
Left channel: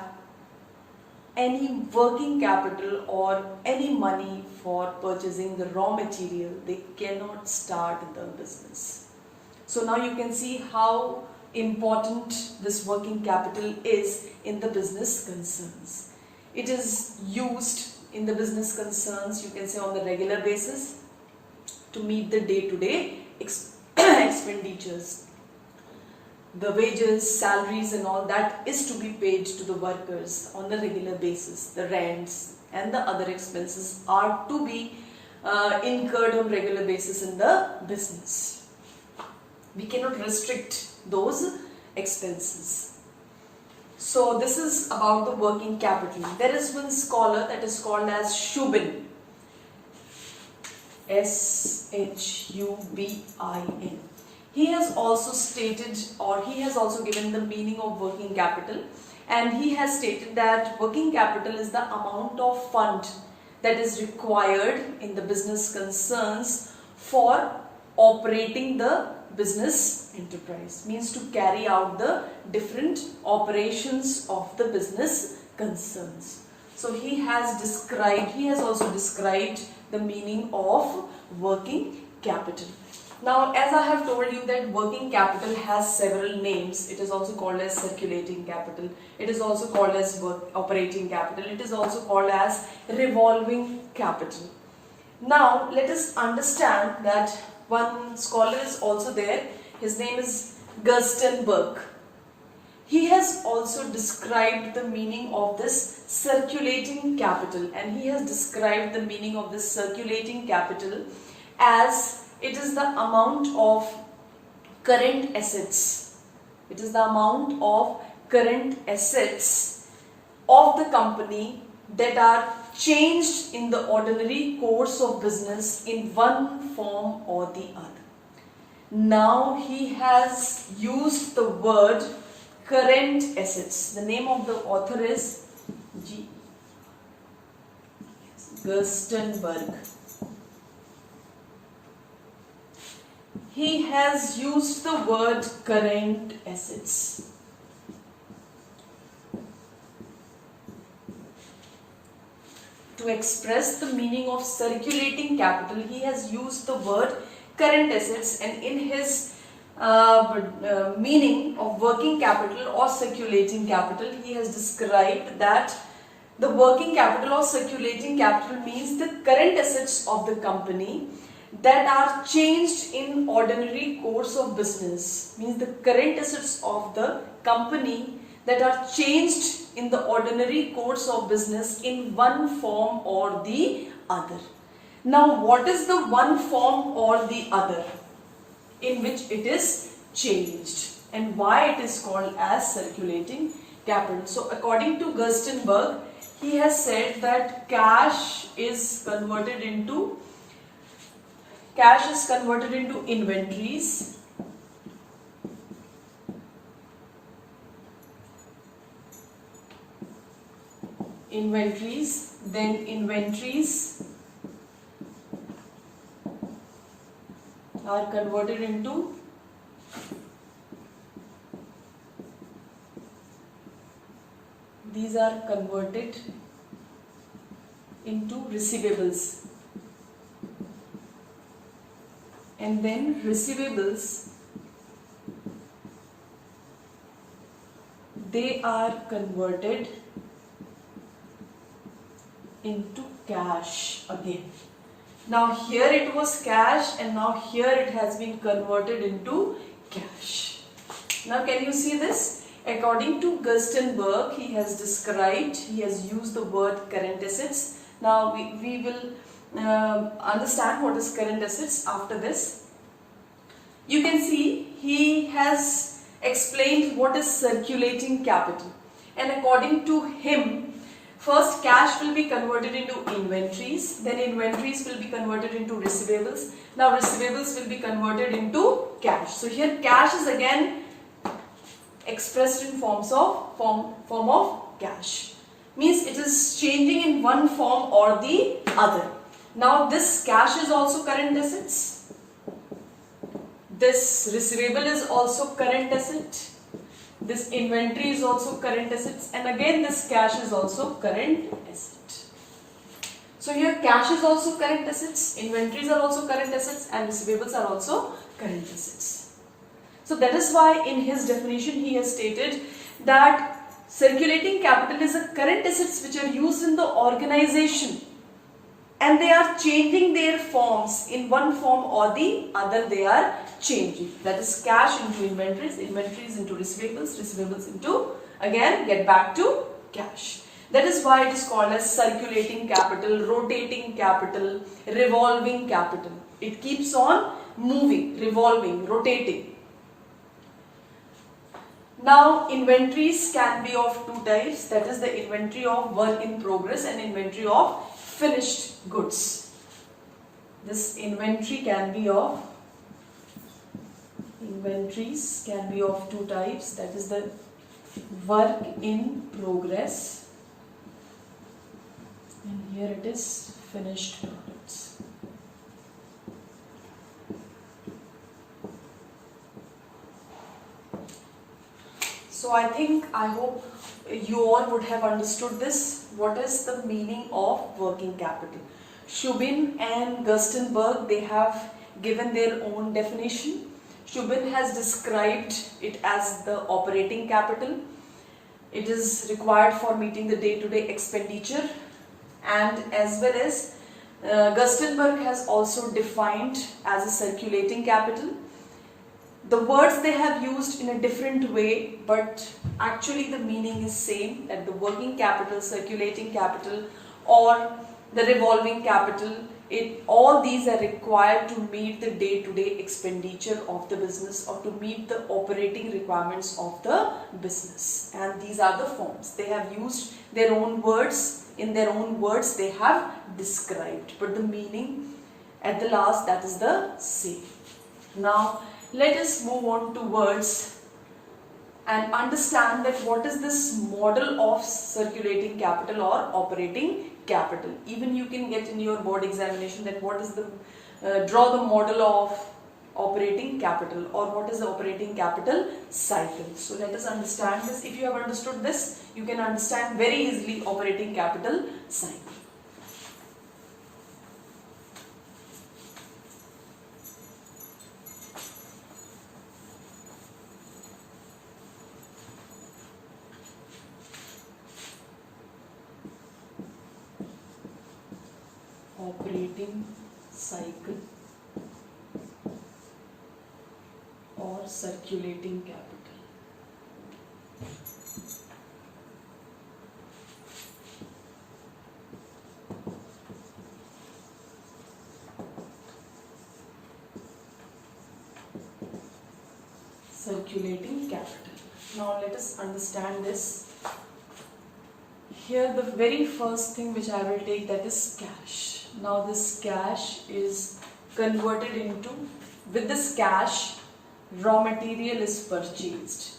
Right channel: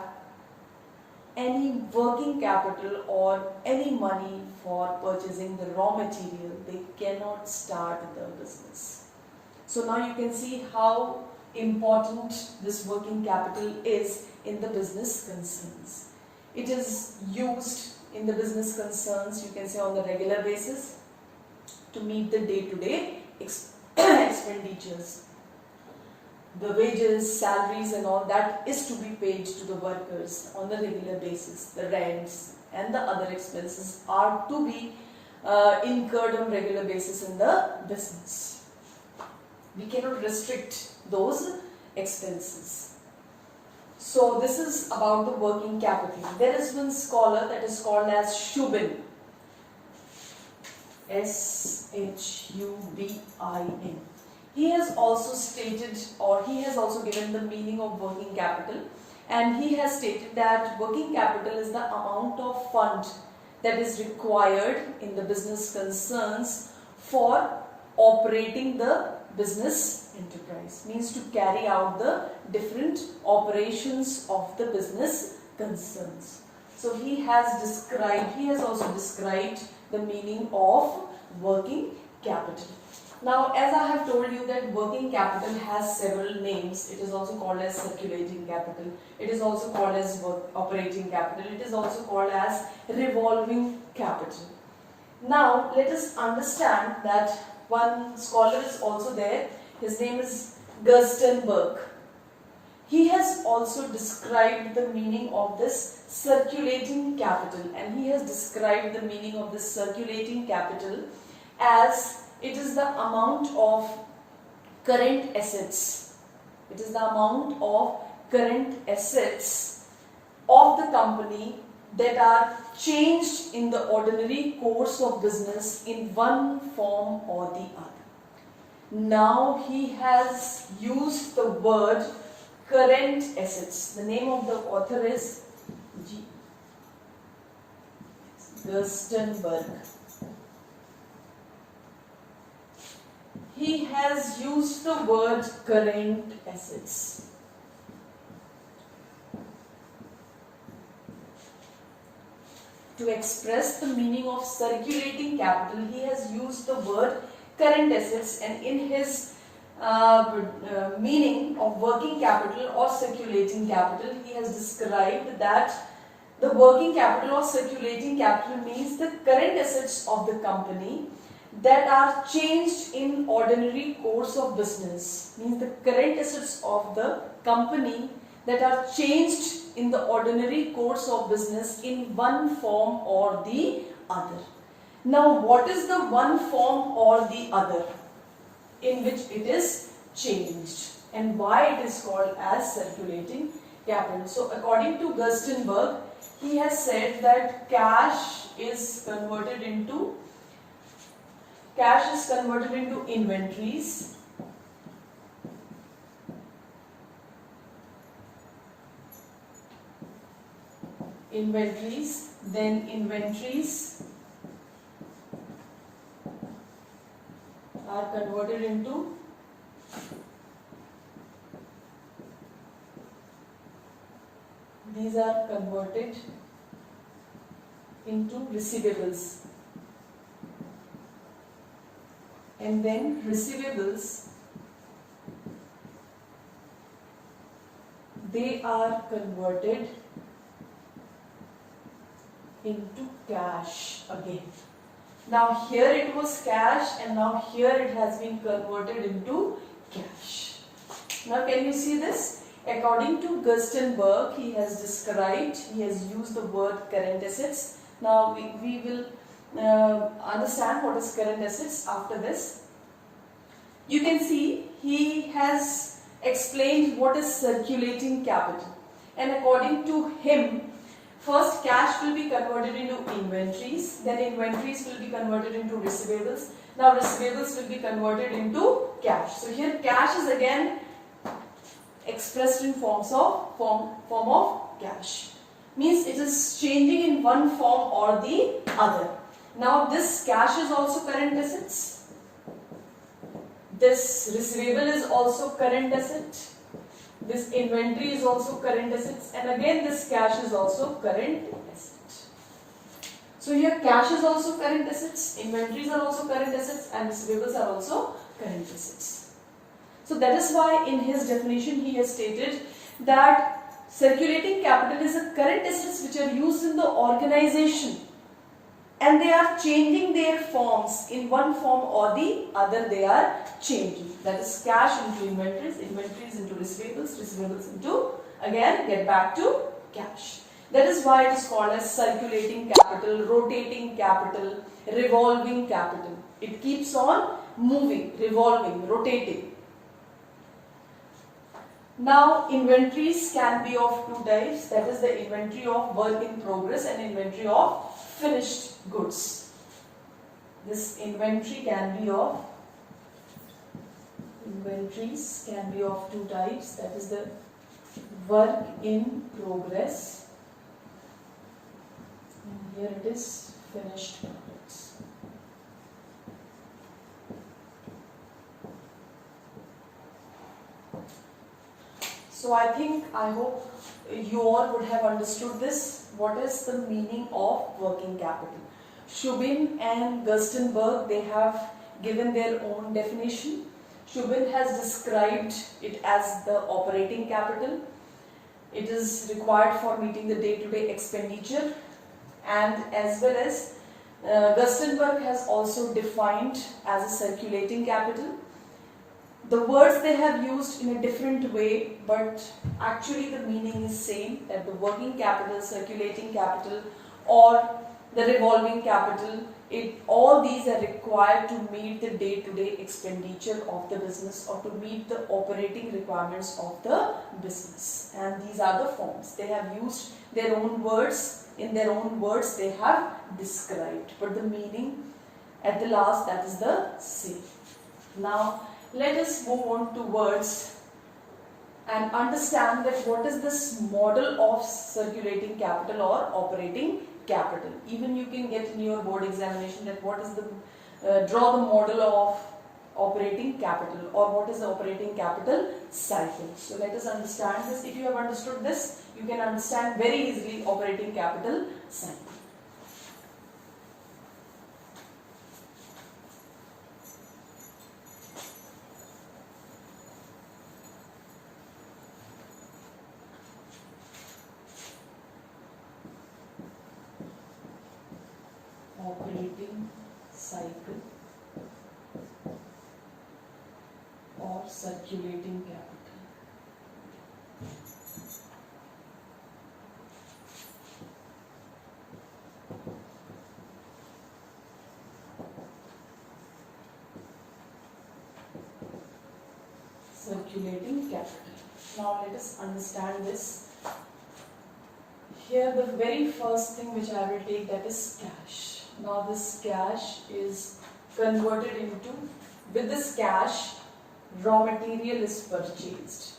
any working capital or any money for purchasing the raw material, they cannot start the business. So now you can see how important this working capital is in the business concerns. It is used in the business concerns, you can say, on the regular basis to meet the day-to-day expenditures. The wages, salaries and all that is to be paid to the workers on a regular basis. The rents and the other expenses are to be incurred on regular basis in the business. We cannot restrict those expenses. So this is about the working capital. There is one scholar that is called as Shubin, S-H-U-B-I-N. He has also stated, or he has also given the meaning of working capital, and he has stated that working capital is the amount of fund that is required in the business concerns for operating the business enterprise, means to carry out the different operations of the business concerns. So he has also described the meaning of working capital. Now, as I have told you that working capital has several names. It is also called as circulating capital. It is also called as operating capital. It is also called as revolving capital. Now, let us understand that one scholar is also there. His name is Gerstenberg. He has also described the meaning of this circulating capital, and he has described the meaning of this circulating capital as it is the amount of current assets. It is the amount of current assets of the company that are changed in the ordinary course of business in one form or the other. Now he has used the word current assets. The name of the author is G. Gerstenberg. He has used the word current assets. To express the meaning of circulating capital, he has used the word current assets, and in his meaning of working capital or circulating capital, he has described that the working capital or circulating capital means the current assets of the company that are changed in ordinary course of business. Means the current assets of the company that are changed in the ordinary course of business in one form or the other. Now, what is the one form or the other in which it is changed, and why it is called as circulating capital? So, according to Gerstenberg, he has said that cash is converted into inventories. Then inventories are converted into receivables, and then receivables, they are converted into cash again. Now here it was cash, and now here it has been converted into cash. Now can you see this? According to Gerstenberg, he has used the word current assets. Now we will understand what is current assets after this. You can see he has explained what is circulating capital, and according to him, first cash will be converted into inventories, then inventories will be converted into receivables. Now receivables will be converted into cash. So here cash is again expressed in form of cash. Means it is changing in one form or the other. Now this cash is also current assets. This receivable is also current asset. This inventory is also current assets, and again this cash is also current asset. So here cash is also current assets, inventories are also current assets, and receivables are also current assets. So that is why in his definition he has stated that circulating capital is a current assets which are used in the organization, and they are changing their forms. In one form or the other they are changing. That is cash into inventories, inventories into receivables, receivables into, again get back to cash. That is why it is called as circulating capital, rotating capital, revolving capital. It keeps on moving, revolving, rotating. Now inventories can be of two types, that is the inventory of work in progress and inventory of finished goods. This inventories can be of two types, that is the work in progress, and here it is finished products. So I hope you all would have understood this. What is the meaning of working capital? Shubin and Gerstenberg, they have given their own definition. Shubin has described it as the operating capital. It is required for meeting the day-to-day expenditure, and as well as Gerstenberg has also defined as a circulating capital. The words they have used in a different way, but actually the meaning is same, that the working capital, circulating capital, or the revolving capital, all these are required to meet the day-to-day expenditure of the business or to meet the operating requirements of the business. And these are the forms. They have used their own words, in their own words they have described, but the meaning at the last, that is the same. Now let us move on towards and understand that what is this model of circulating capital or operating capital. Even you can get in your board examination that what is the draw the model of operating capital or what is the operating capital cycle. So let us understand this. If you have understood this, you can understand very easily operating capital cycle. Operating cycle or circulating capital. Circulating capital. Now let us understand this. Here the very first thing which I will take, that is cash. Now this cash is converted into, with this cash, raw material is purchased.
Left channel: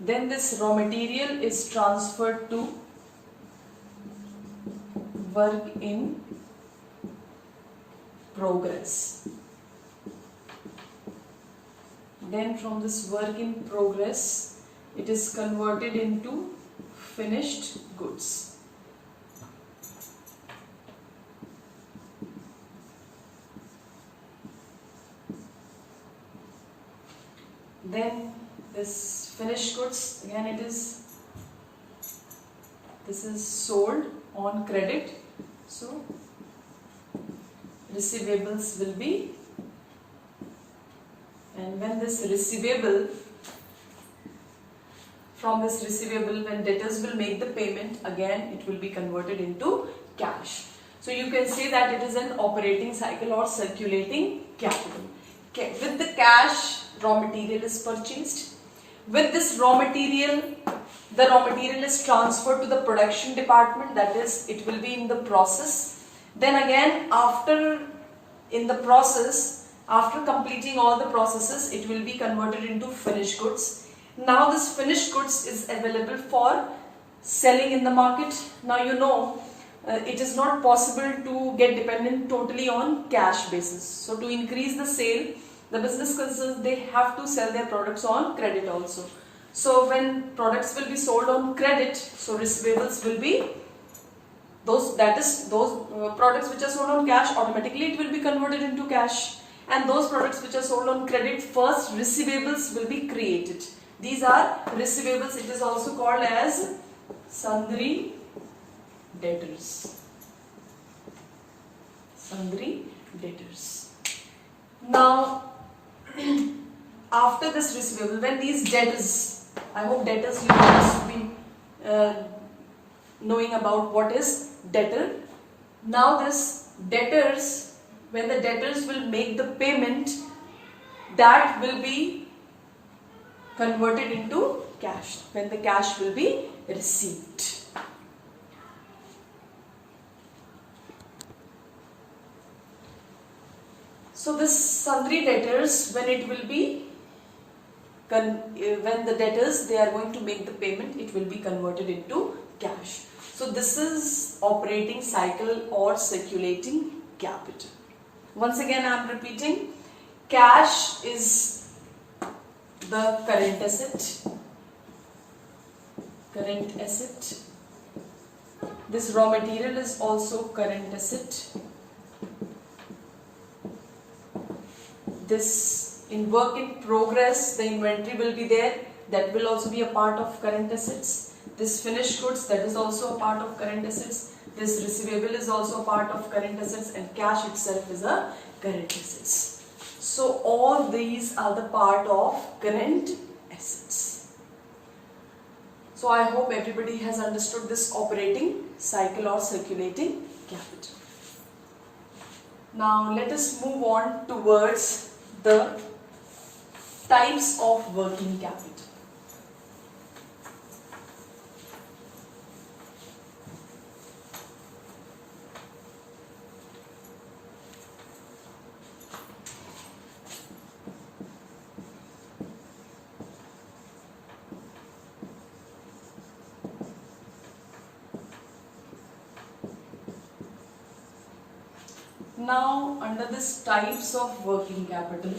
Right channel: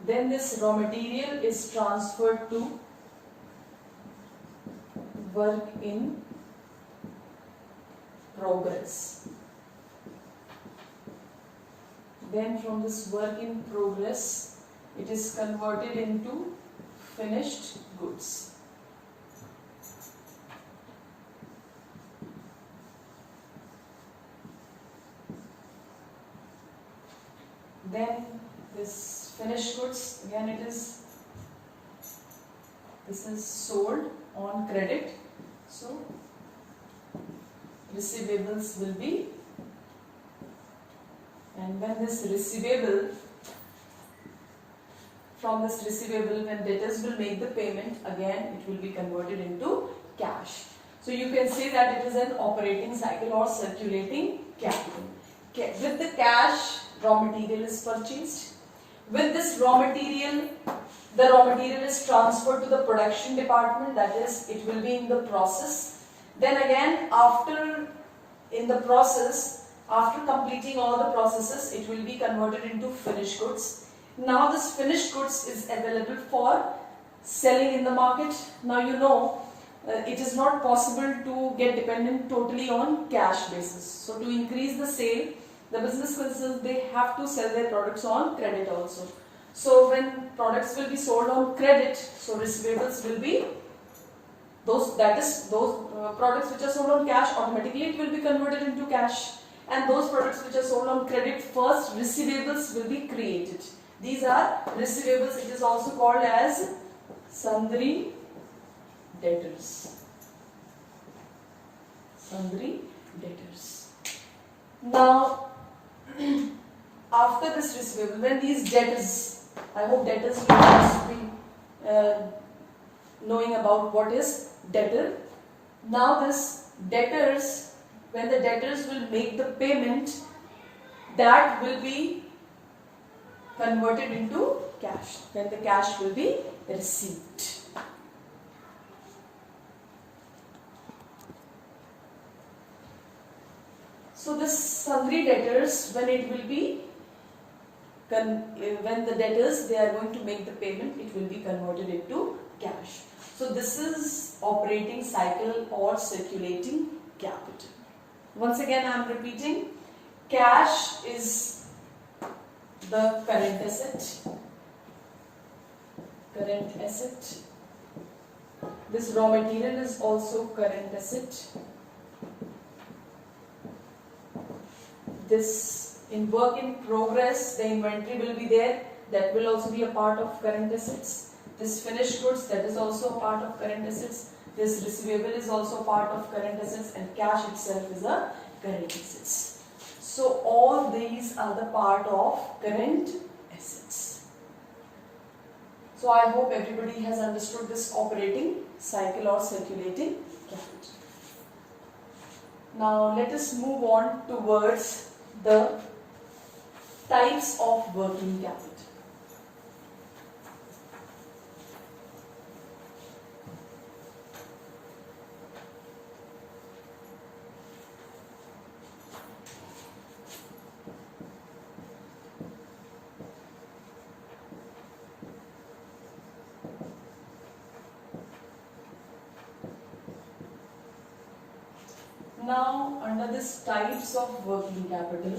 Then this raw material is transferred to work in progress. Then from this work in progress, it is converted into finished goods. Then this finished goods, again this is sold on credit, so receivables will be, and when this receivable, from this receivable, when debtors will make the payment, again it will be converted into cash. So you can say that it is an operating cycle or circulating capital. With the cash, raw material is purchased. With this raw material, the raw material is transferred to the production department, that is, it will be in the process. Then again, in the process, after completing all the processes, it will be converted into finished goods. Now this finished goods is available for selling in the market. Now you know it is not possible to get dependent totally on cash basis. So to increase the sale, the business concerns, they have to sell their products on credit also. So when products will be sold on credit, so receivables will be those products which are sold on cash, automatically it will be converted into cash. And those products which are sold on credit, first receivables will be created. These are receivables. It is also called as sundry debtors. Sundry debtors. Now, after this receivable, when these debtors, I hope debtors you must be knowing about what is debtor. Now this debtors, when the debtors will make the payment, that will be converted into cash, when the cash will be received. So this sundry debtors, when it will be, when the debtors, they are going to make the payment, it will be converted into cash. So this is operating cycle or circulating capital. Once again I am repeating, cash is the current asset. Current asset. This raw material is also current asset. This in work in progress, the inventory will be there, that will also be a part of current assets. This finished goods, that is also a part of current assets. This receivable is also a part of current assets, and cash itself is a current assets. So all these are the part of current assets. So I hope everybody has understood this operating cycle or circulating capital. Now let us move on towards the types of working capital. Now, under this types of working capital,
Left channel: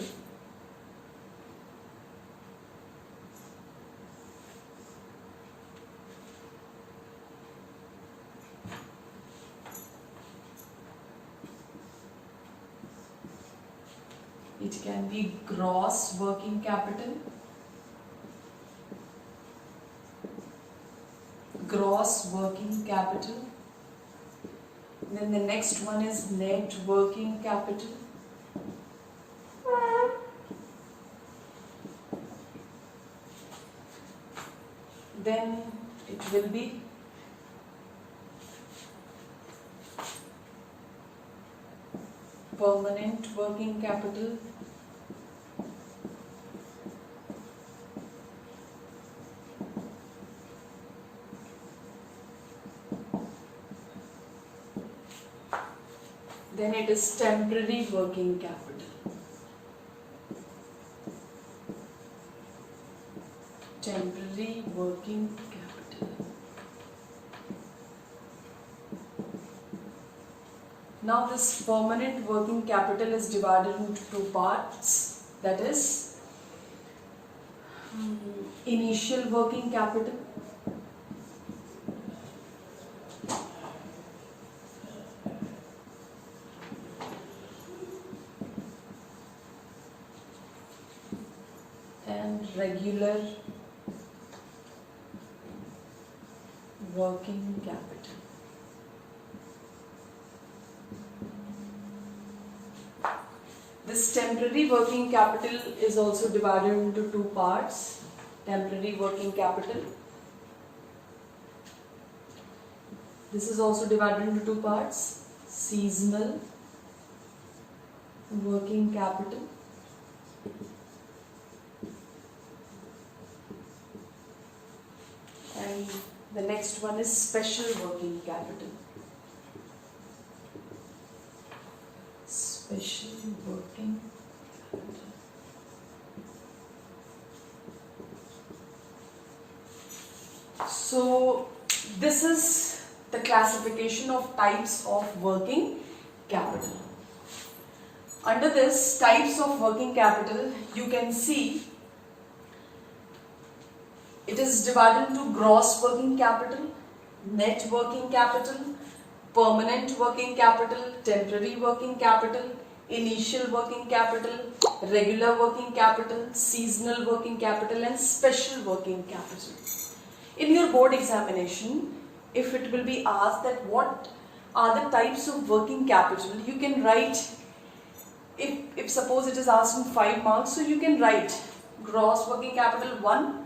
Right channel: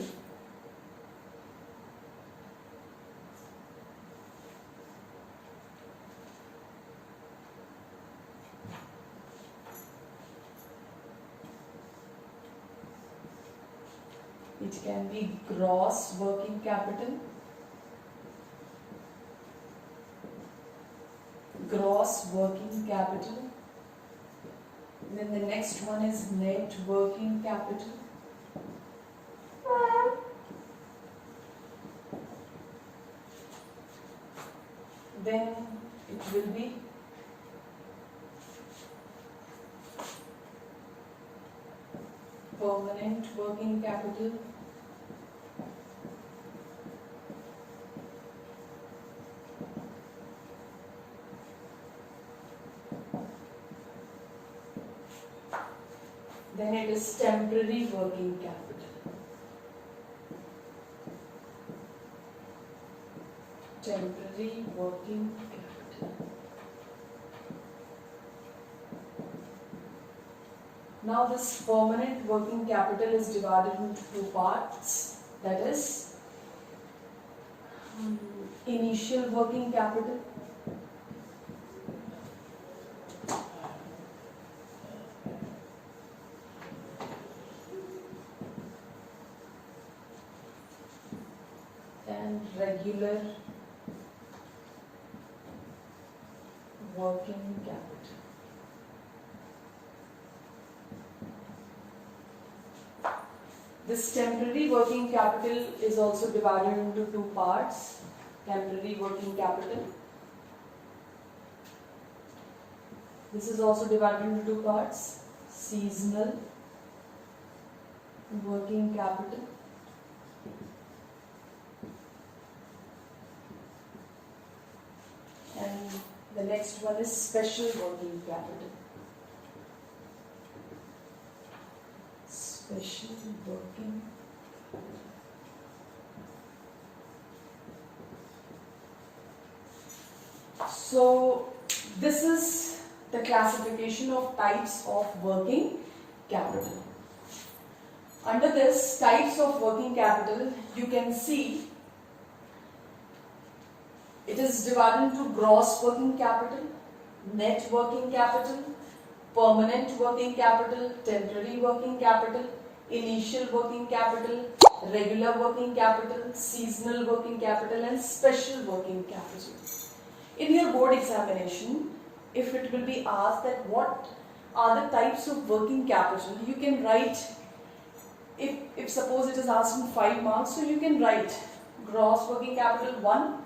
it can be gross working capital, gross working capital. Then the next one is net working capital. Then it will be permanent working capital. Then it is temporary working capital. Temporary working capital. Now this permanent working capital is divided into two parts. That is initial working capital and regular working capital. This temporary working capital is also divided into two parts. Temporary working capital. This is also divided into two parts. Seasonal working capital. And the next one is special working capital. Special working capital. So this is the classification of types of working capital. Under this types of working capital, you can see it is divided into gross working capital, net working capital, permanent working capital, temporary working capital, initial working capital, regular working capital, seasonal working capital and special working capital. In your board examination, if it will be asked that what are the types of working capital, you can write, if suppose it is asked in 5 marks, so you can write gross working capital 1,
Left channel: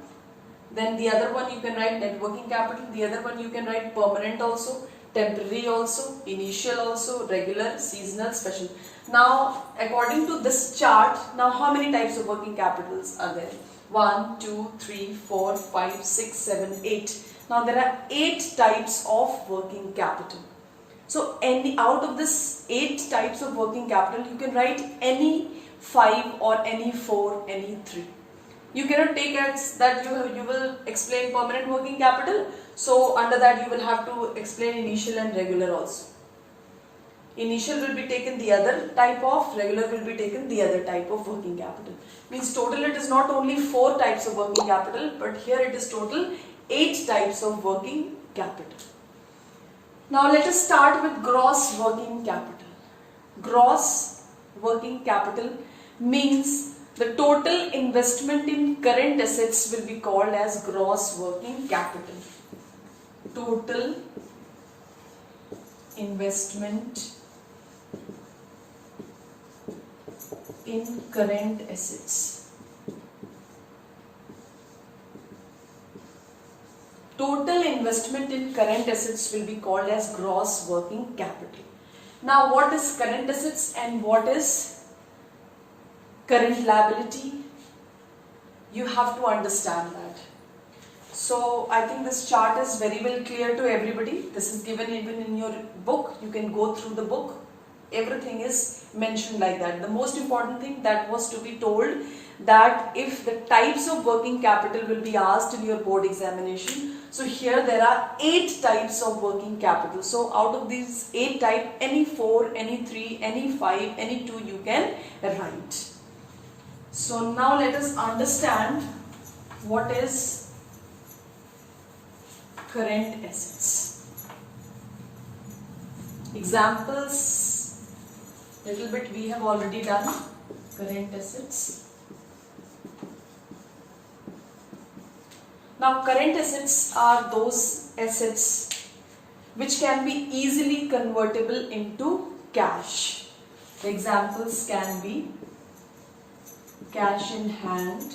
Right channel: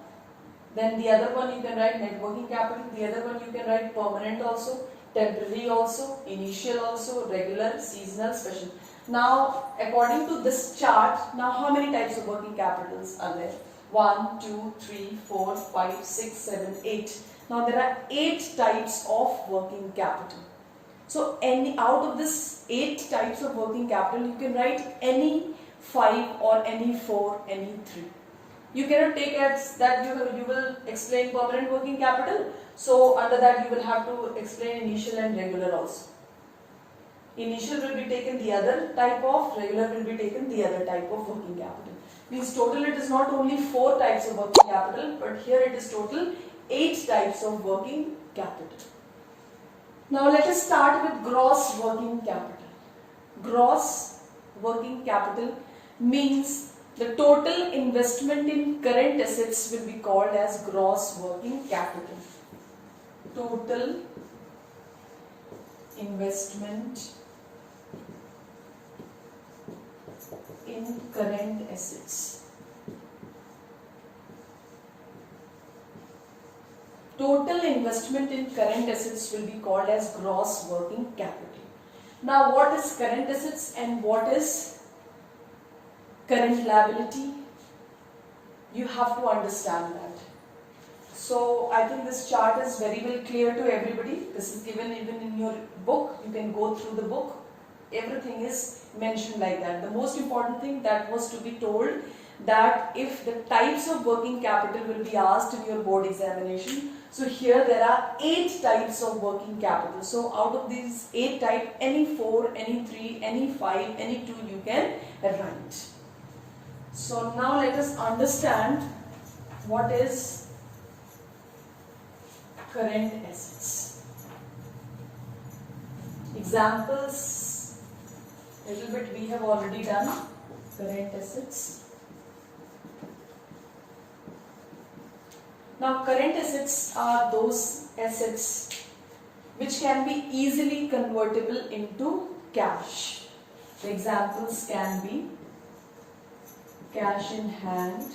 then the other one you can write net working capital, the other one you can write permanent also, temporary also, initial also, regular, seasonal, special. Now according to this chart, now how many types of working capitals are there? 1, 2, 3, 4, 5, 6, 7, 8. Now there are 8 types of working capital. So any out of this 8 types of working capital, you can write any 5 or any 4, any 3. You cannot take as that you will explain permanent working capital. So under that you will have to explain initial and regular also. Initial will be taken the other type of, regular will be taken the other type of working capital. Means total it is not only 4 types of working capital, but here it is total 8 types of working capital. Now let us start with gross working capital. Gross working capital means the total investment in current assets will be called as gross working capital. Total investment in current assets. Total investment in current assets will be called as gross working capital. Now what is current assets and what is current liability? You have to understand that. So I think this chart is very well clear to everybody. This is given even in your book. You can go through the book. Everything is mentioned like that. The most important thing that was to be told, that if the types of working capital will be asked in your board examination, So here there are 8 types of working capital. So out of these 8 types, any 4, any 3, any 5, any 2 you can write. So now let us understand what is current assets. Examples, little bit we have already done. Current assets. Now current assets are those assets which can be easily convertible into cash. The examples can be cash in hand,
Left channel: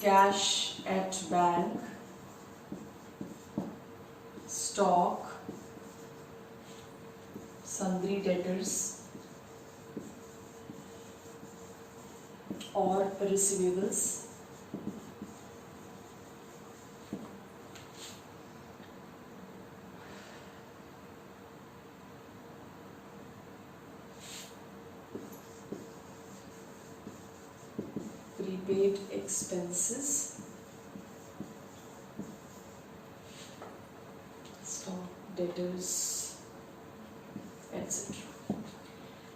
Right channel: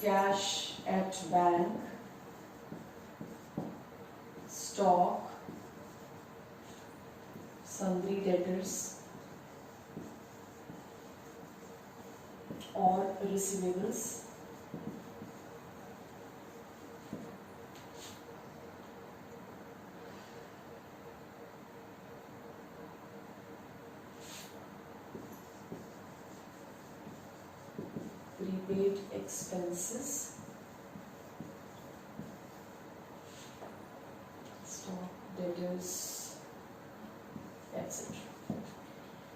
cash at bank, stock, sundry debtors, or receivables. Prepaid expenses, stock, debtors, etc.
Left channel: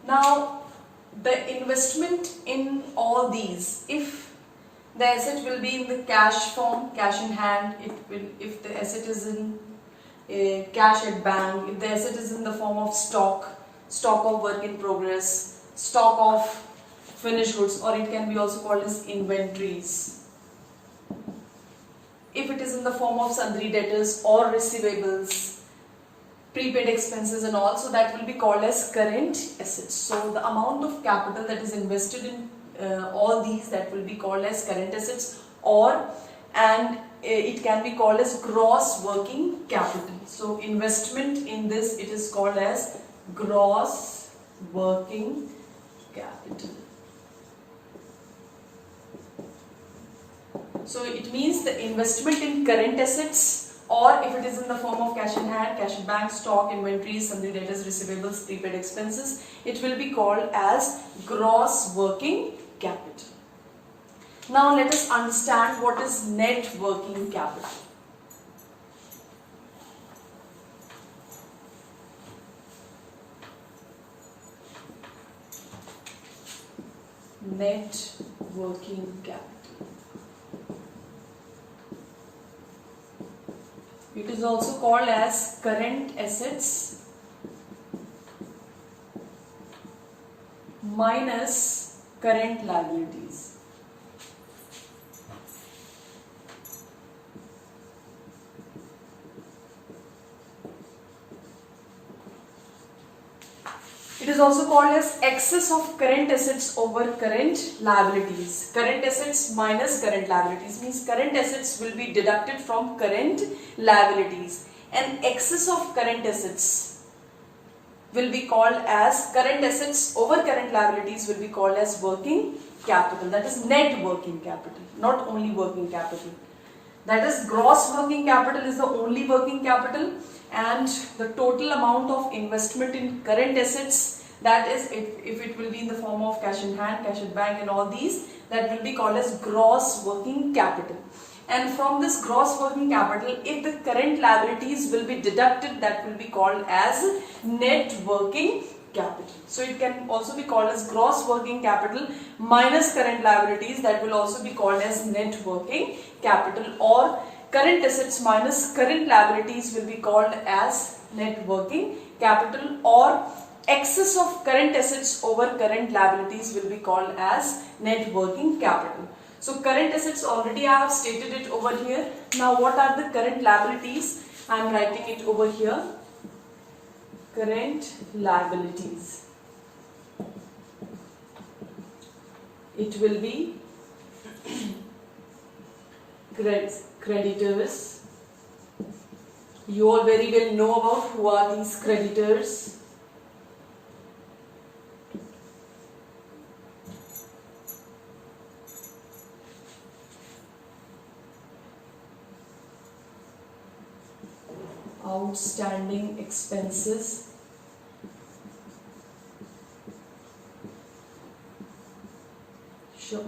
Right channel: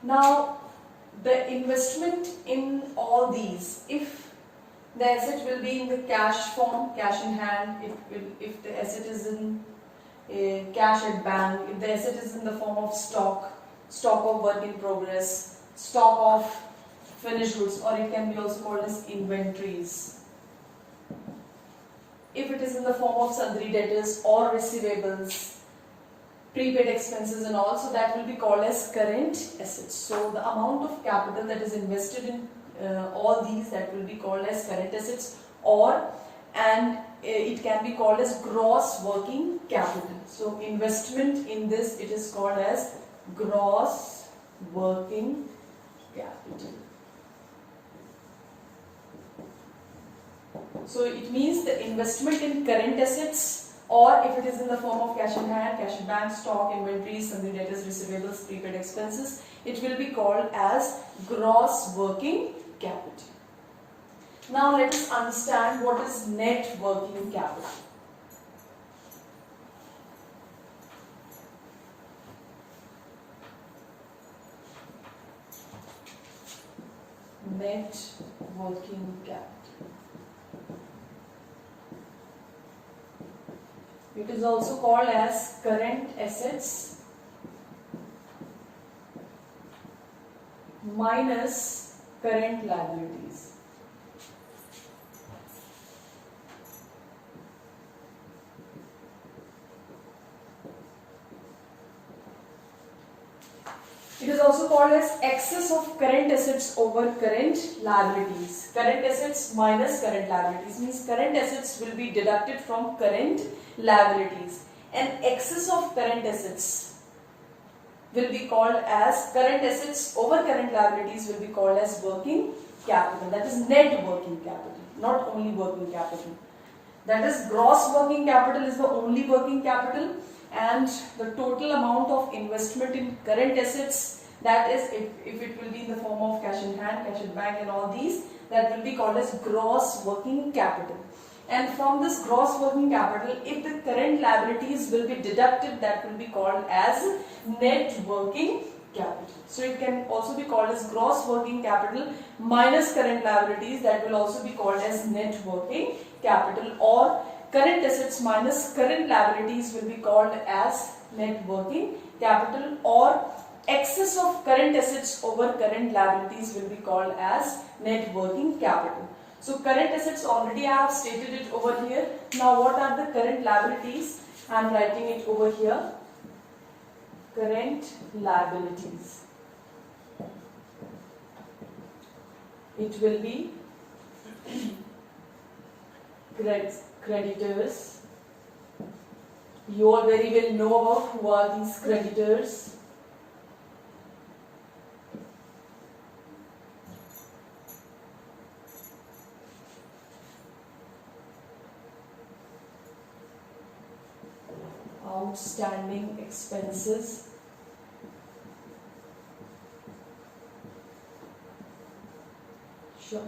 Now, the investment in all these, if the asset will be in the cash form, cash in hand, it will. If the asset is in cash at bank, if the asset is in the form of stock, stock of work in progress, stock of finished goods, or it can be also called as inventories. If it is in the form of sundry debtors or receivables, prepaid expenses and all, so that will be called as current assets. So the amount of capital that is invested in all these, that will be called as current assets, it can be called as gross working capital. So investment in this, it is called as gross working capital. So it means the investment in current assets, or if it is in the form of cash in hand, cash in bank, stock, inventories, sundry debtors, receivables, prepaid expenses, it will be called as gross working capital. Now let us understand what is net working capital. Net working capital. It is also called as current assets minus current liabilities. It is also called as excess of current assets over current liabilities. Current assets minus current liabilities means current assets will be deducted from current liabilities, and excess of current assets will be called as current assets over current liabilities will be called as working capital. That is net working capital, not only working capital. That is gross working capital is the only working capital, and the total amount of investment in current assets, that is if it will be in the form of cash in hand, cash in bank and all these, that will be called as gross working capital. And from this gross working capital, if the current liabilities will be deducted, that will be called as net working capital. So it can also be called as gross working capital minus current liabilities, that will also be called as net working capital, or current assets minus current liabilities will be called as net working capital, or excess of current assets over current liabilities will be called as net working capital. So current assets already I have stated it over here. Now what are the current liabilities? I am writing it over here. Current liabilities. It will be creditors. You all very well know about who are these creditors. Outstanding expenses,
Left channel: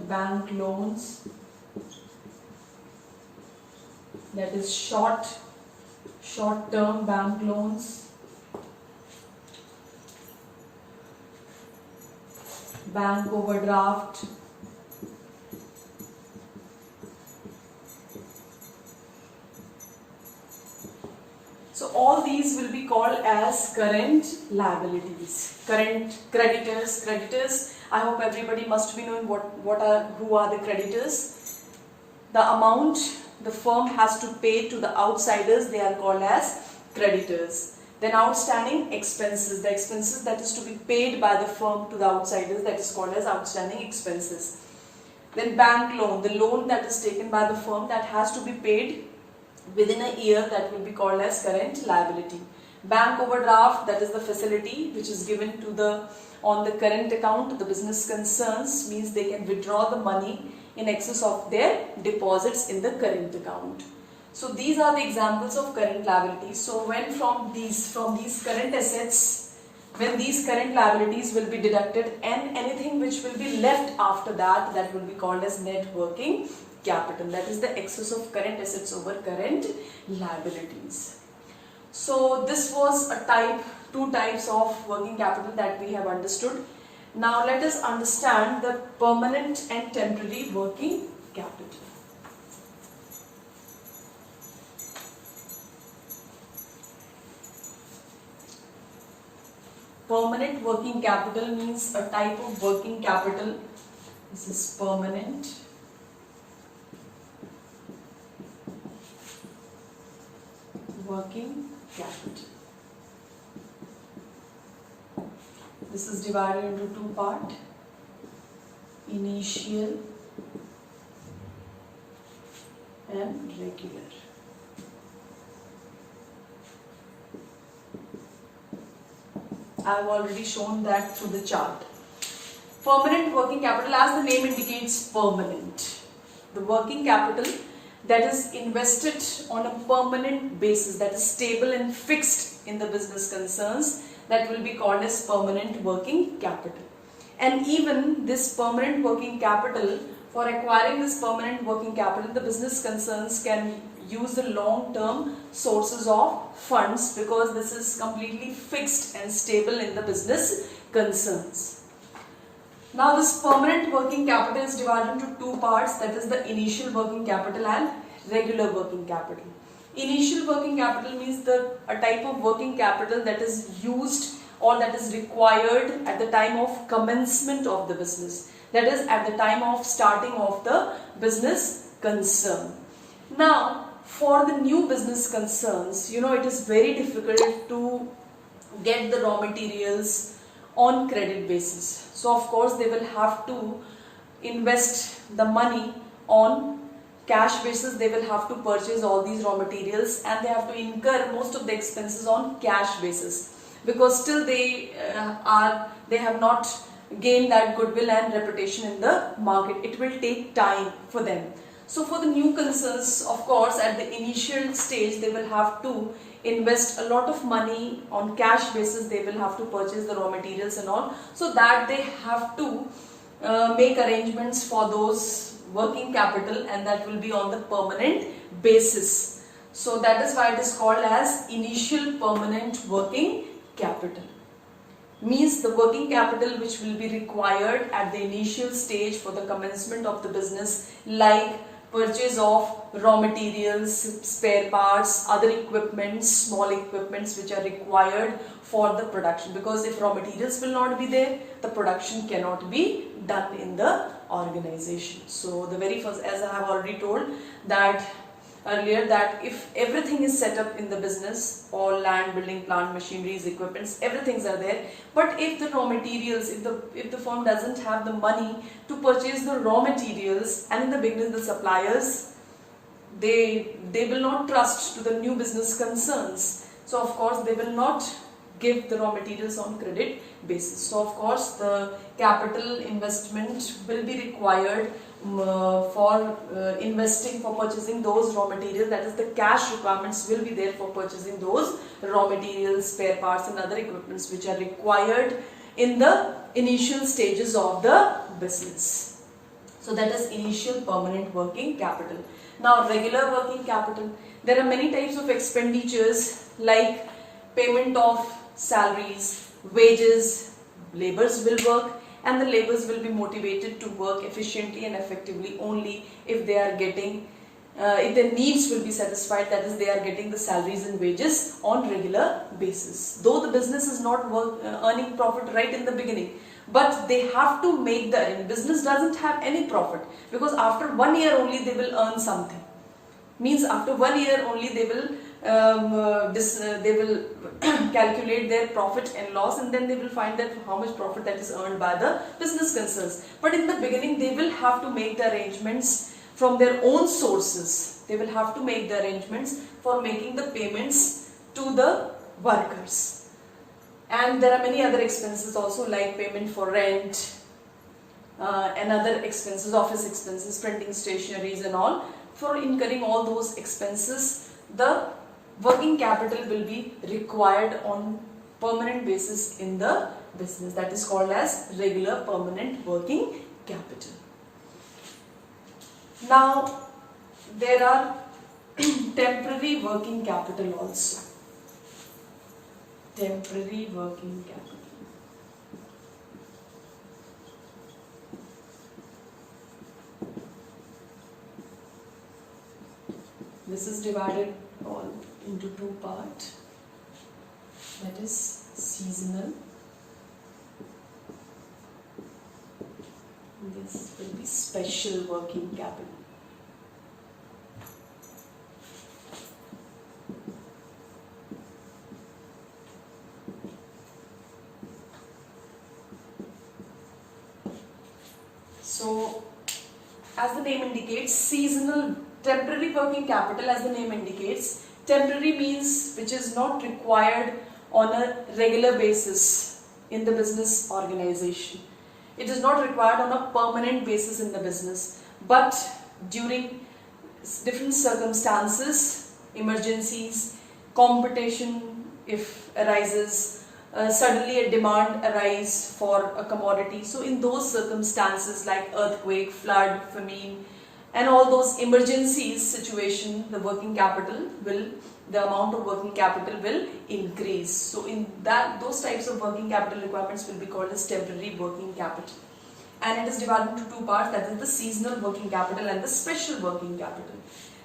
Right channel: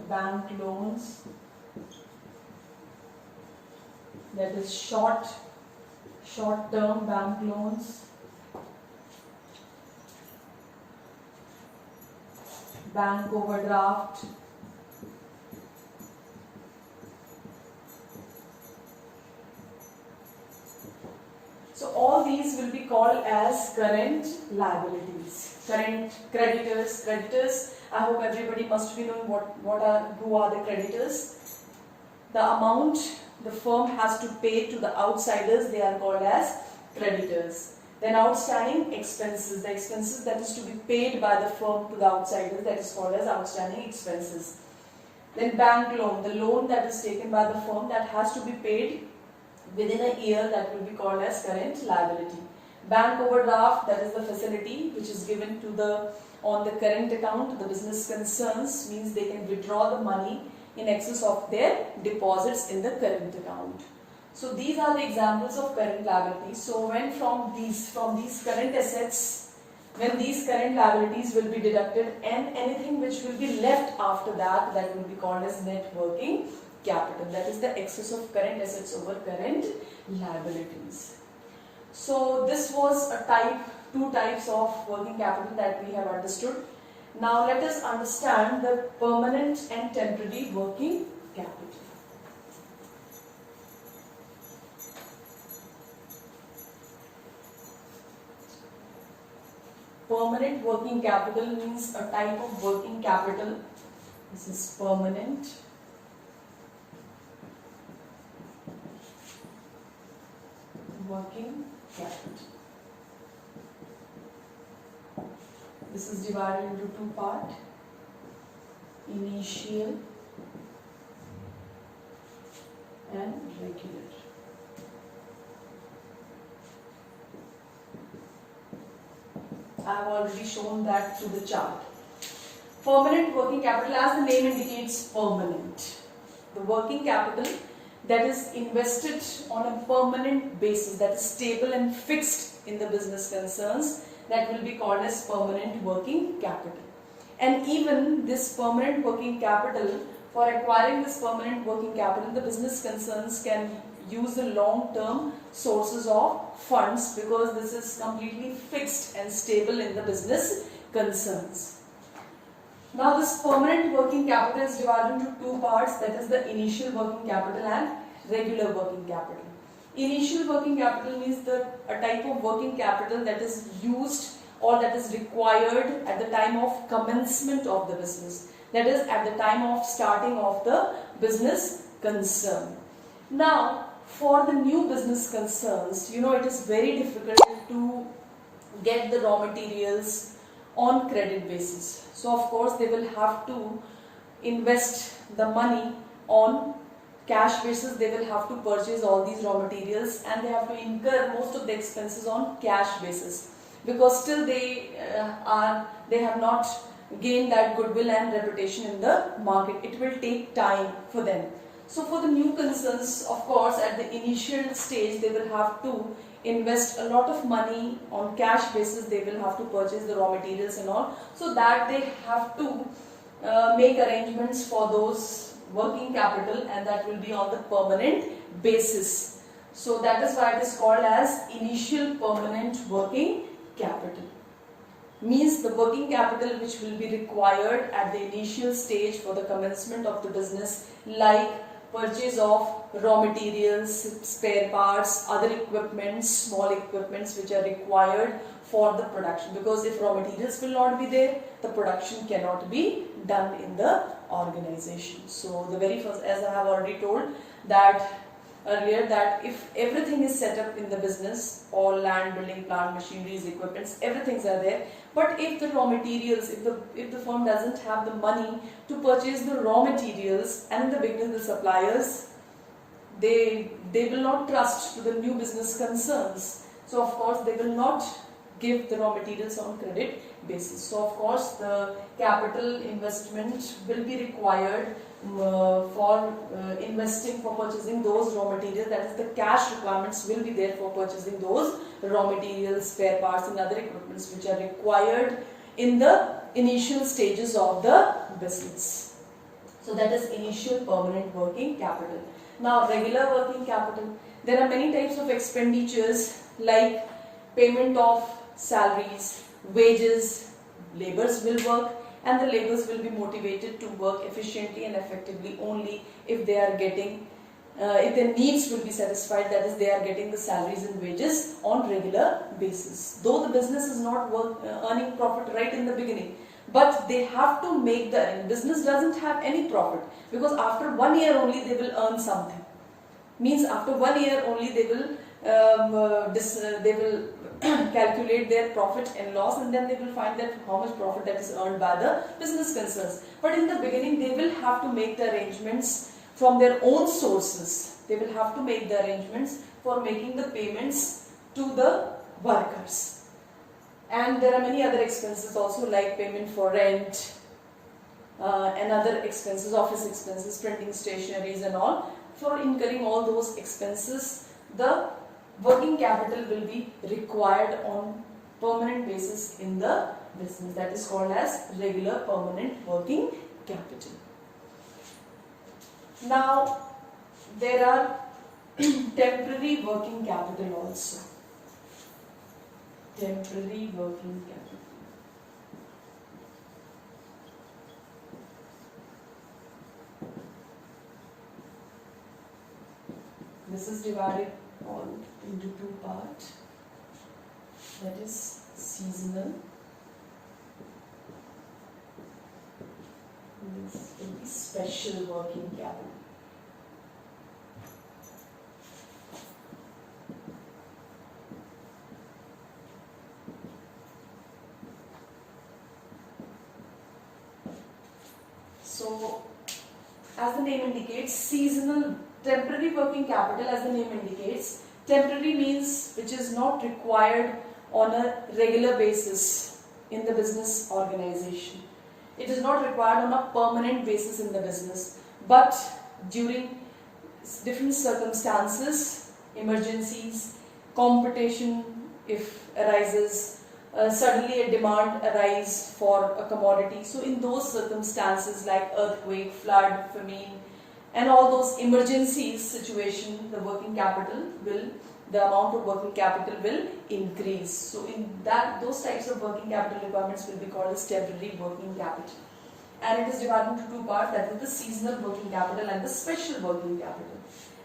bank loans, that is short-term bank loans, bank overdraft, so all these will be called as current liabilities. Current creditors. I hope everybody must be knowing who are the creditors. The amount the firm has to pay to the outsiders, they are called as creditors. Then outstanding expenses, the expenses that is to be paid by the firm to the outsiders, that is called as outstanding expenses. Then bank loan, the loan that is taken by the firm that has to be paid within a year, that will be called as current liability. Bank overdraft, that is the facility which is given to on the current account to the business concerns, means they can withdraw the money in excess of their deposits in the current account. So these are the examples of current liabilities. So when from these current assets, when these current liabilities will be deducted and anything which will be left after that, that will be called as net working capital. That is the excess of current assets over current liabilities. So this was two types of working capital that we have understood. Now let us understand the permanent and temporary working capital. Permanent working capital means a type of working capital. This is permanent. Working capital. This is divided into two parts, initial and regular. I have already shown that through the chart. Permanent working capital, as the name indicates, permanent. The working capital that is invested on a permanent basis, that is stable and fixed in the business concerns, that will be called as permanent working capital. And even this permanent working capital, for acquiring this permanent working capital, the business concerns can use the long-term sources of funds, because this is completely fixed and stable in the business concerns. Now this permanent working capital is divided into two parts, that is the initial working capital and regular working capital. Initial working capital means a type of working capital that is used or that is required at the time of commencement of the business. That is at the time of starting of the business concern. Now for the new business concerns, it is very difficult to get the raw materials on credit basis. So of course they will have to invest the money on cash basis. They will have to purchase all these raw materials and they have to incur most of the expenses on cash basis, because still they have not gained that goodwill and reputation in the market. It will take time for them. So for the new concerns, of course, at the initial stage they will have to invest a lot of money on cash basis. They will have to purchase the raw materials and all, so that they have to make arrangements for those working capital, and that will be on the permanent basis. So that is why it is called as initial permanent working capital. Means the working capital which will be required at the initial stage for the commencement of the business, like purchase of raw materials, spare parts, other equipments, small equipments which are required for the production. Because if raw materials will not be there, the production cannot be done in the organization. So the very first, as I have already told that earlier, that if everything is set up in the business, all land, building, plant, machineries, equipments, everything's are there, but if the raw materials, if the firm doesn't have the money to purchase the raw materials, and in the beginning the suppliers, they will not trust to the new business concerns. So of course they will not give the raw materials on credit basis. So of course the capital investment will be required for investing, for purchasing those raw materials. That is, the cash requirements will be there for purchasing those raw materials, spare parts and other equipments which are required in the initial stages of the business. So that is initial permanent working capital. Now regular working capital. There are many types of expenditures like payment of salaries, wages, laborers will work, and the laborers will be motivated to work efficiently and effectively only if they are getting if their needs will be satisfied, that is they are getting the salaries and wages on regular basis. Though the business is not earning profit right in the beginning, but they have to make the business doesn't have any profit, because after 1 year only they will earn something. Means after 1 year only they will calculate their profit and loss, and then they will find that how much profit that is earned by the business concerns. But in the beginning they will have to make the arrangements from their own sources. They will have to make the arrangements for making the payments to the workers. And there are many other expenses also, like payment for rent and other expenses, office expenses, printing stationeries and all. For incurring all those expenses, the working capital will be required on permanent basis in the business. That is called as regular permanent working capital. Now, there are temporary working capital also. Temporary working capital. This is divided all into two parts. That is seasonal. This will be special working capital. So, as the name indicates, seasonal, temporary working capital, as the name indicates, temporary means which is not required on a regular basis in the business organization. It is not required on a permanent basis in the business, but during different circumstances, emergencies, competition if arises, suddenly a demand arise for a commodity. So in those circumstances like earthquake, flood, famine and all those emergencies situation, the working capital will, the amount of working capital will increase. So in that, those types of working capital requirements will be called as temporary working capital. And it is divided into two parts, that is the seasonal working capital and the special working capital.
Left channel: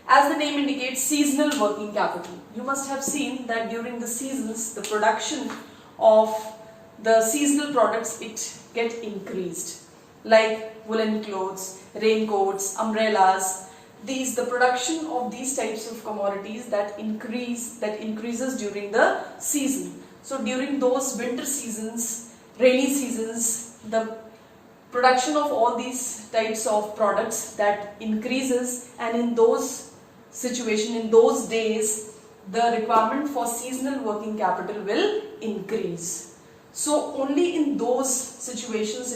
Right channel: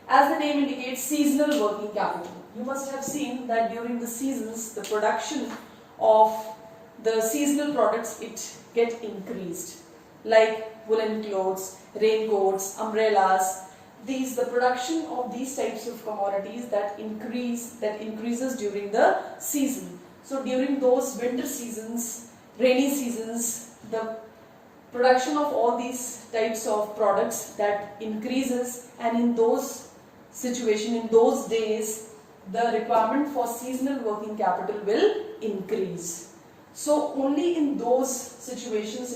As the name indicates, seasonal working capital. You must have seen that during the seasons, the production of the seasonal products, it get increased. Like woolen clothes, raincoats, umbrellas. The production of these types of commodities that increases during the season. So during those winter seasons, rainy seasons, the production of all these types of products that increases, and in those situation, in those days, the requirement for seasonal working capital will increase. So only in those situations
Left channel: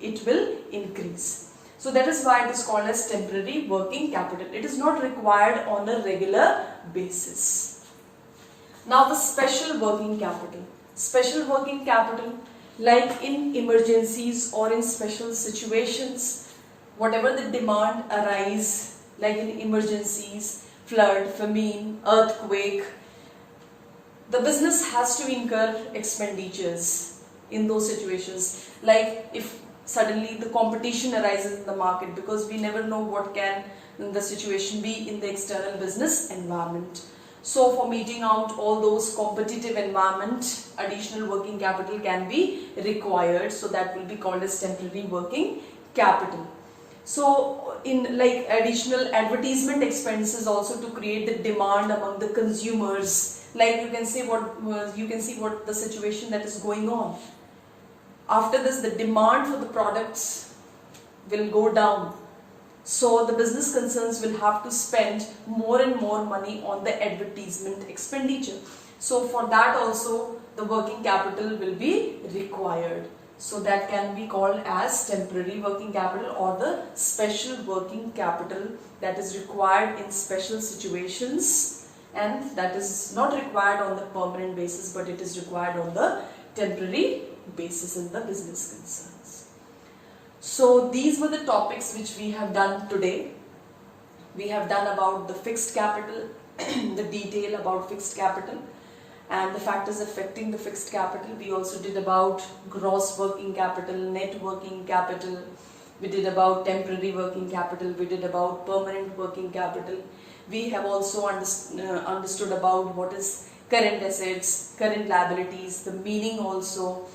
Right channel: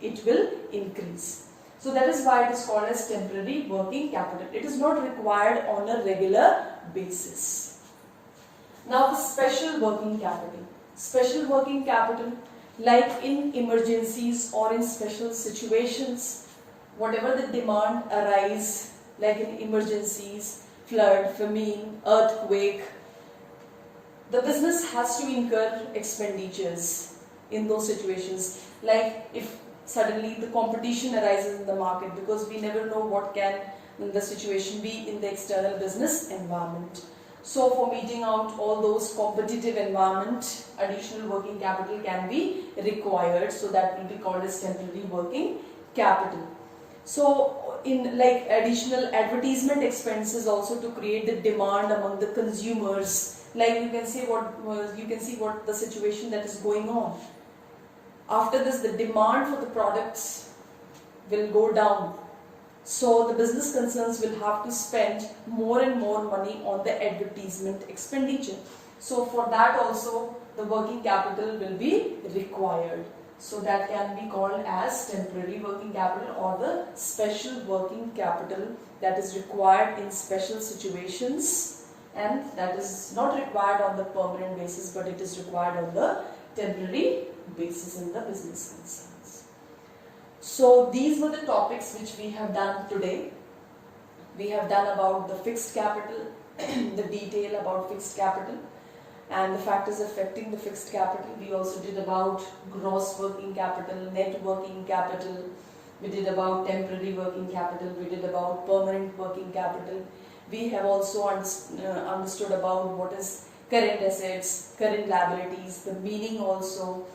it will increase. So that is why it is called as temporary working capital. It is not required on a regular basis. Now the special working capital. Special working capital, like in emergencies or in special situations, whatever the demand arise, like in emergencies, flood, famine, earthquake, the business has to incur expenditures in those situations. Like if suddenly the competition arises in the market, because we never know what can the situation be in the external business environment. So for meeting out all those competitive environment, additional working capital can be required. So that will be called as temporary working capital. So in like additional advertisement expenses also to create the demand among the consumers. Like you can see what the situation that is going on. After this, the demand for the products will go down. So the business concerns will have to spend more and more money on the advertisement expenditure. So for that also the working capital will be required. So that can be called as temporary working capital or the special working capital that is required in special situations, and that is not required on the permanent basis, but it is required on the temporary basis in the business concerns. So these were the topics which we have done today. We have done about the fixed capital, the detail about fixed capital and the factors affecting the fixed capital. We also did about gross working capital, net working capital. We did about temporary working capital. We did about permanent working capital. We have also understood about what is current assets, current liabilities, the meaning also,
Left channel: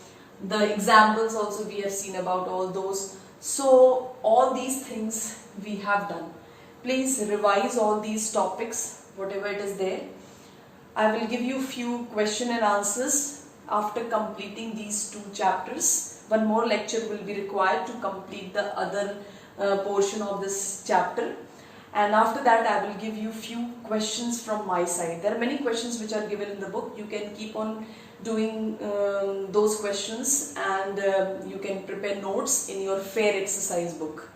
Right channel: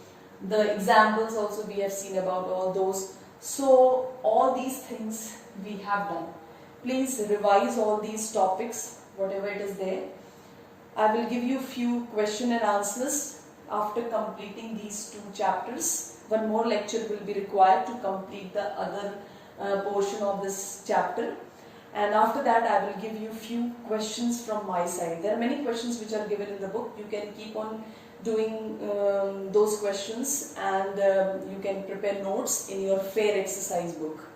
the examples also we have seen about all those. So all these things we have done. Please revise all these topics, whatever it is there. I will give you few question and answers after completing these 2 chapters. One more lecture will be required to complete the other portion of this chapter. And after that I will give you few questions from my side. There are many questions which are given in the book. You can keep on doing those questions and you can prepare notes in your fair exercise book.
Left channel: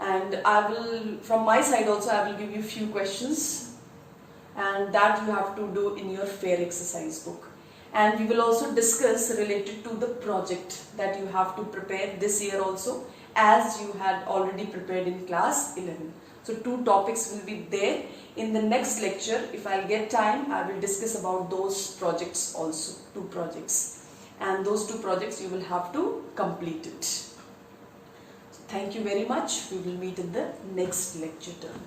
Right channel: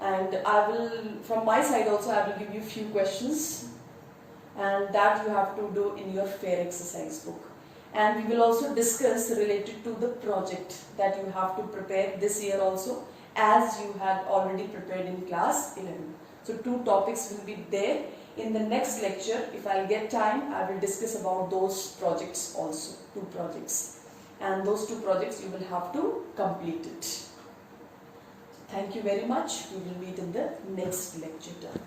And I will, from my side also, I will give you few questions and that you have to do in your fair exercise book. And we will also discuss related to the project that you have to prepare this year also, as you had already prepared in class 11. So 2 topics will be there. In the next lecture, if I get time, I will discuss about those projects also, 2 projects. And those 2 projects you will have to complete it. Thank you very much. We will meet in the next lecture term.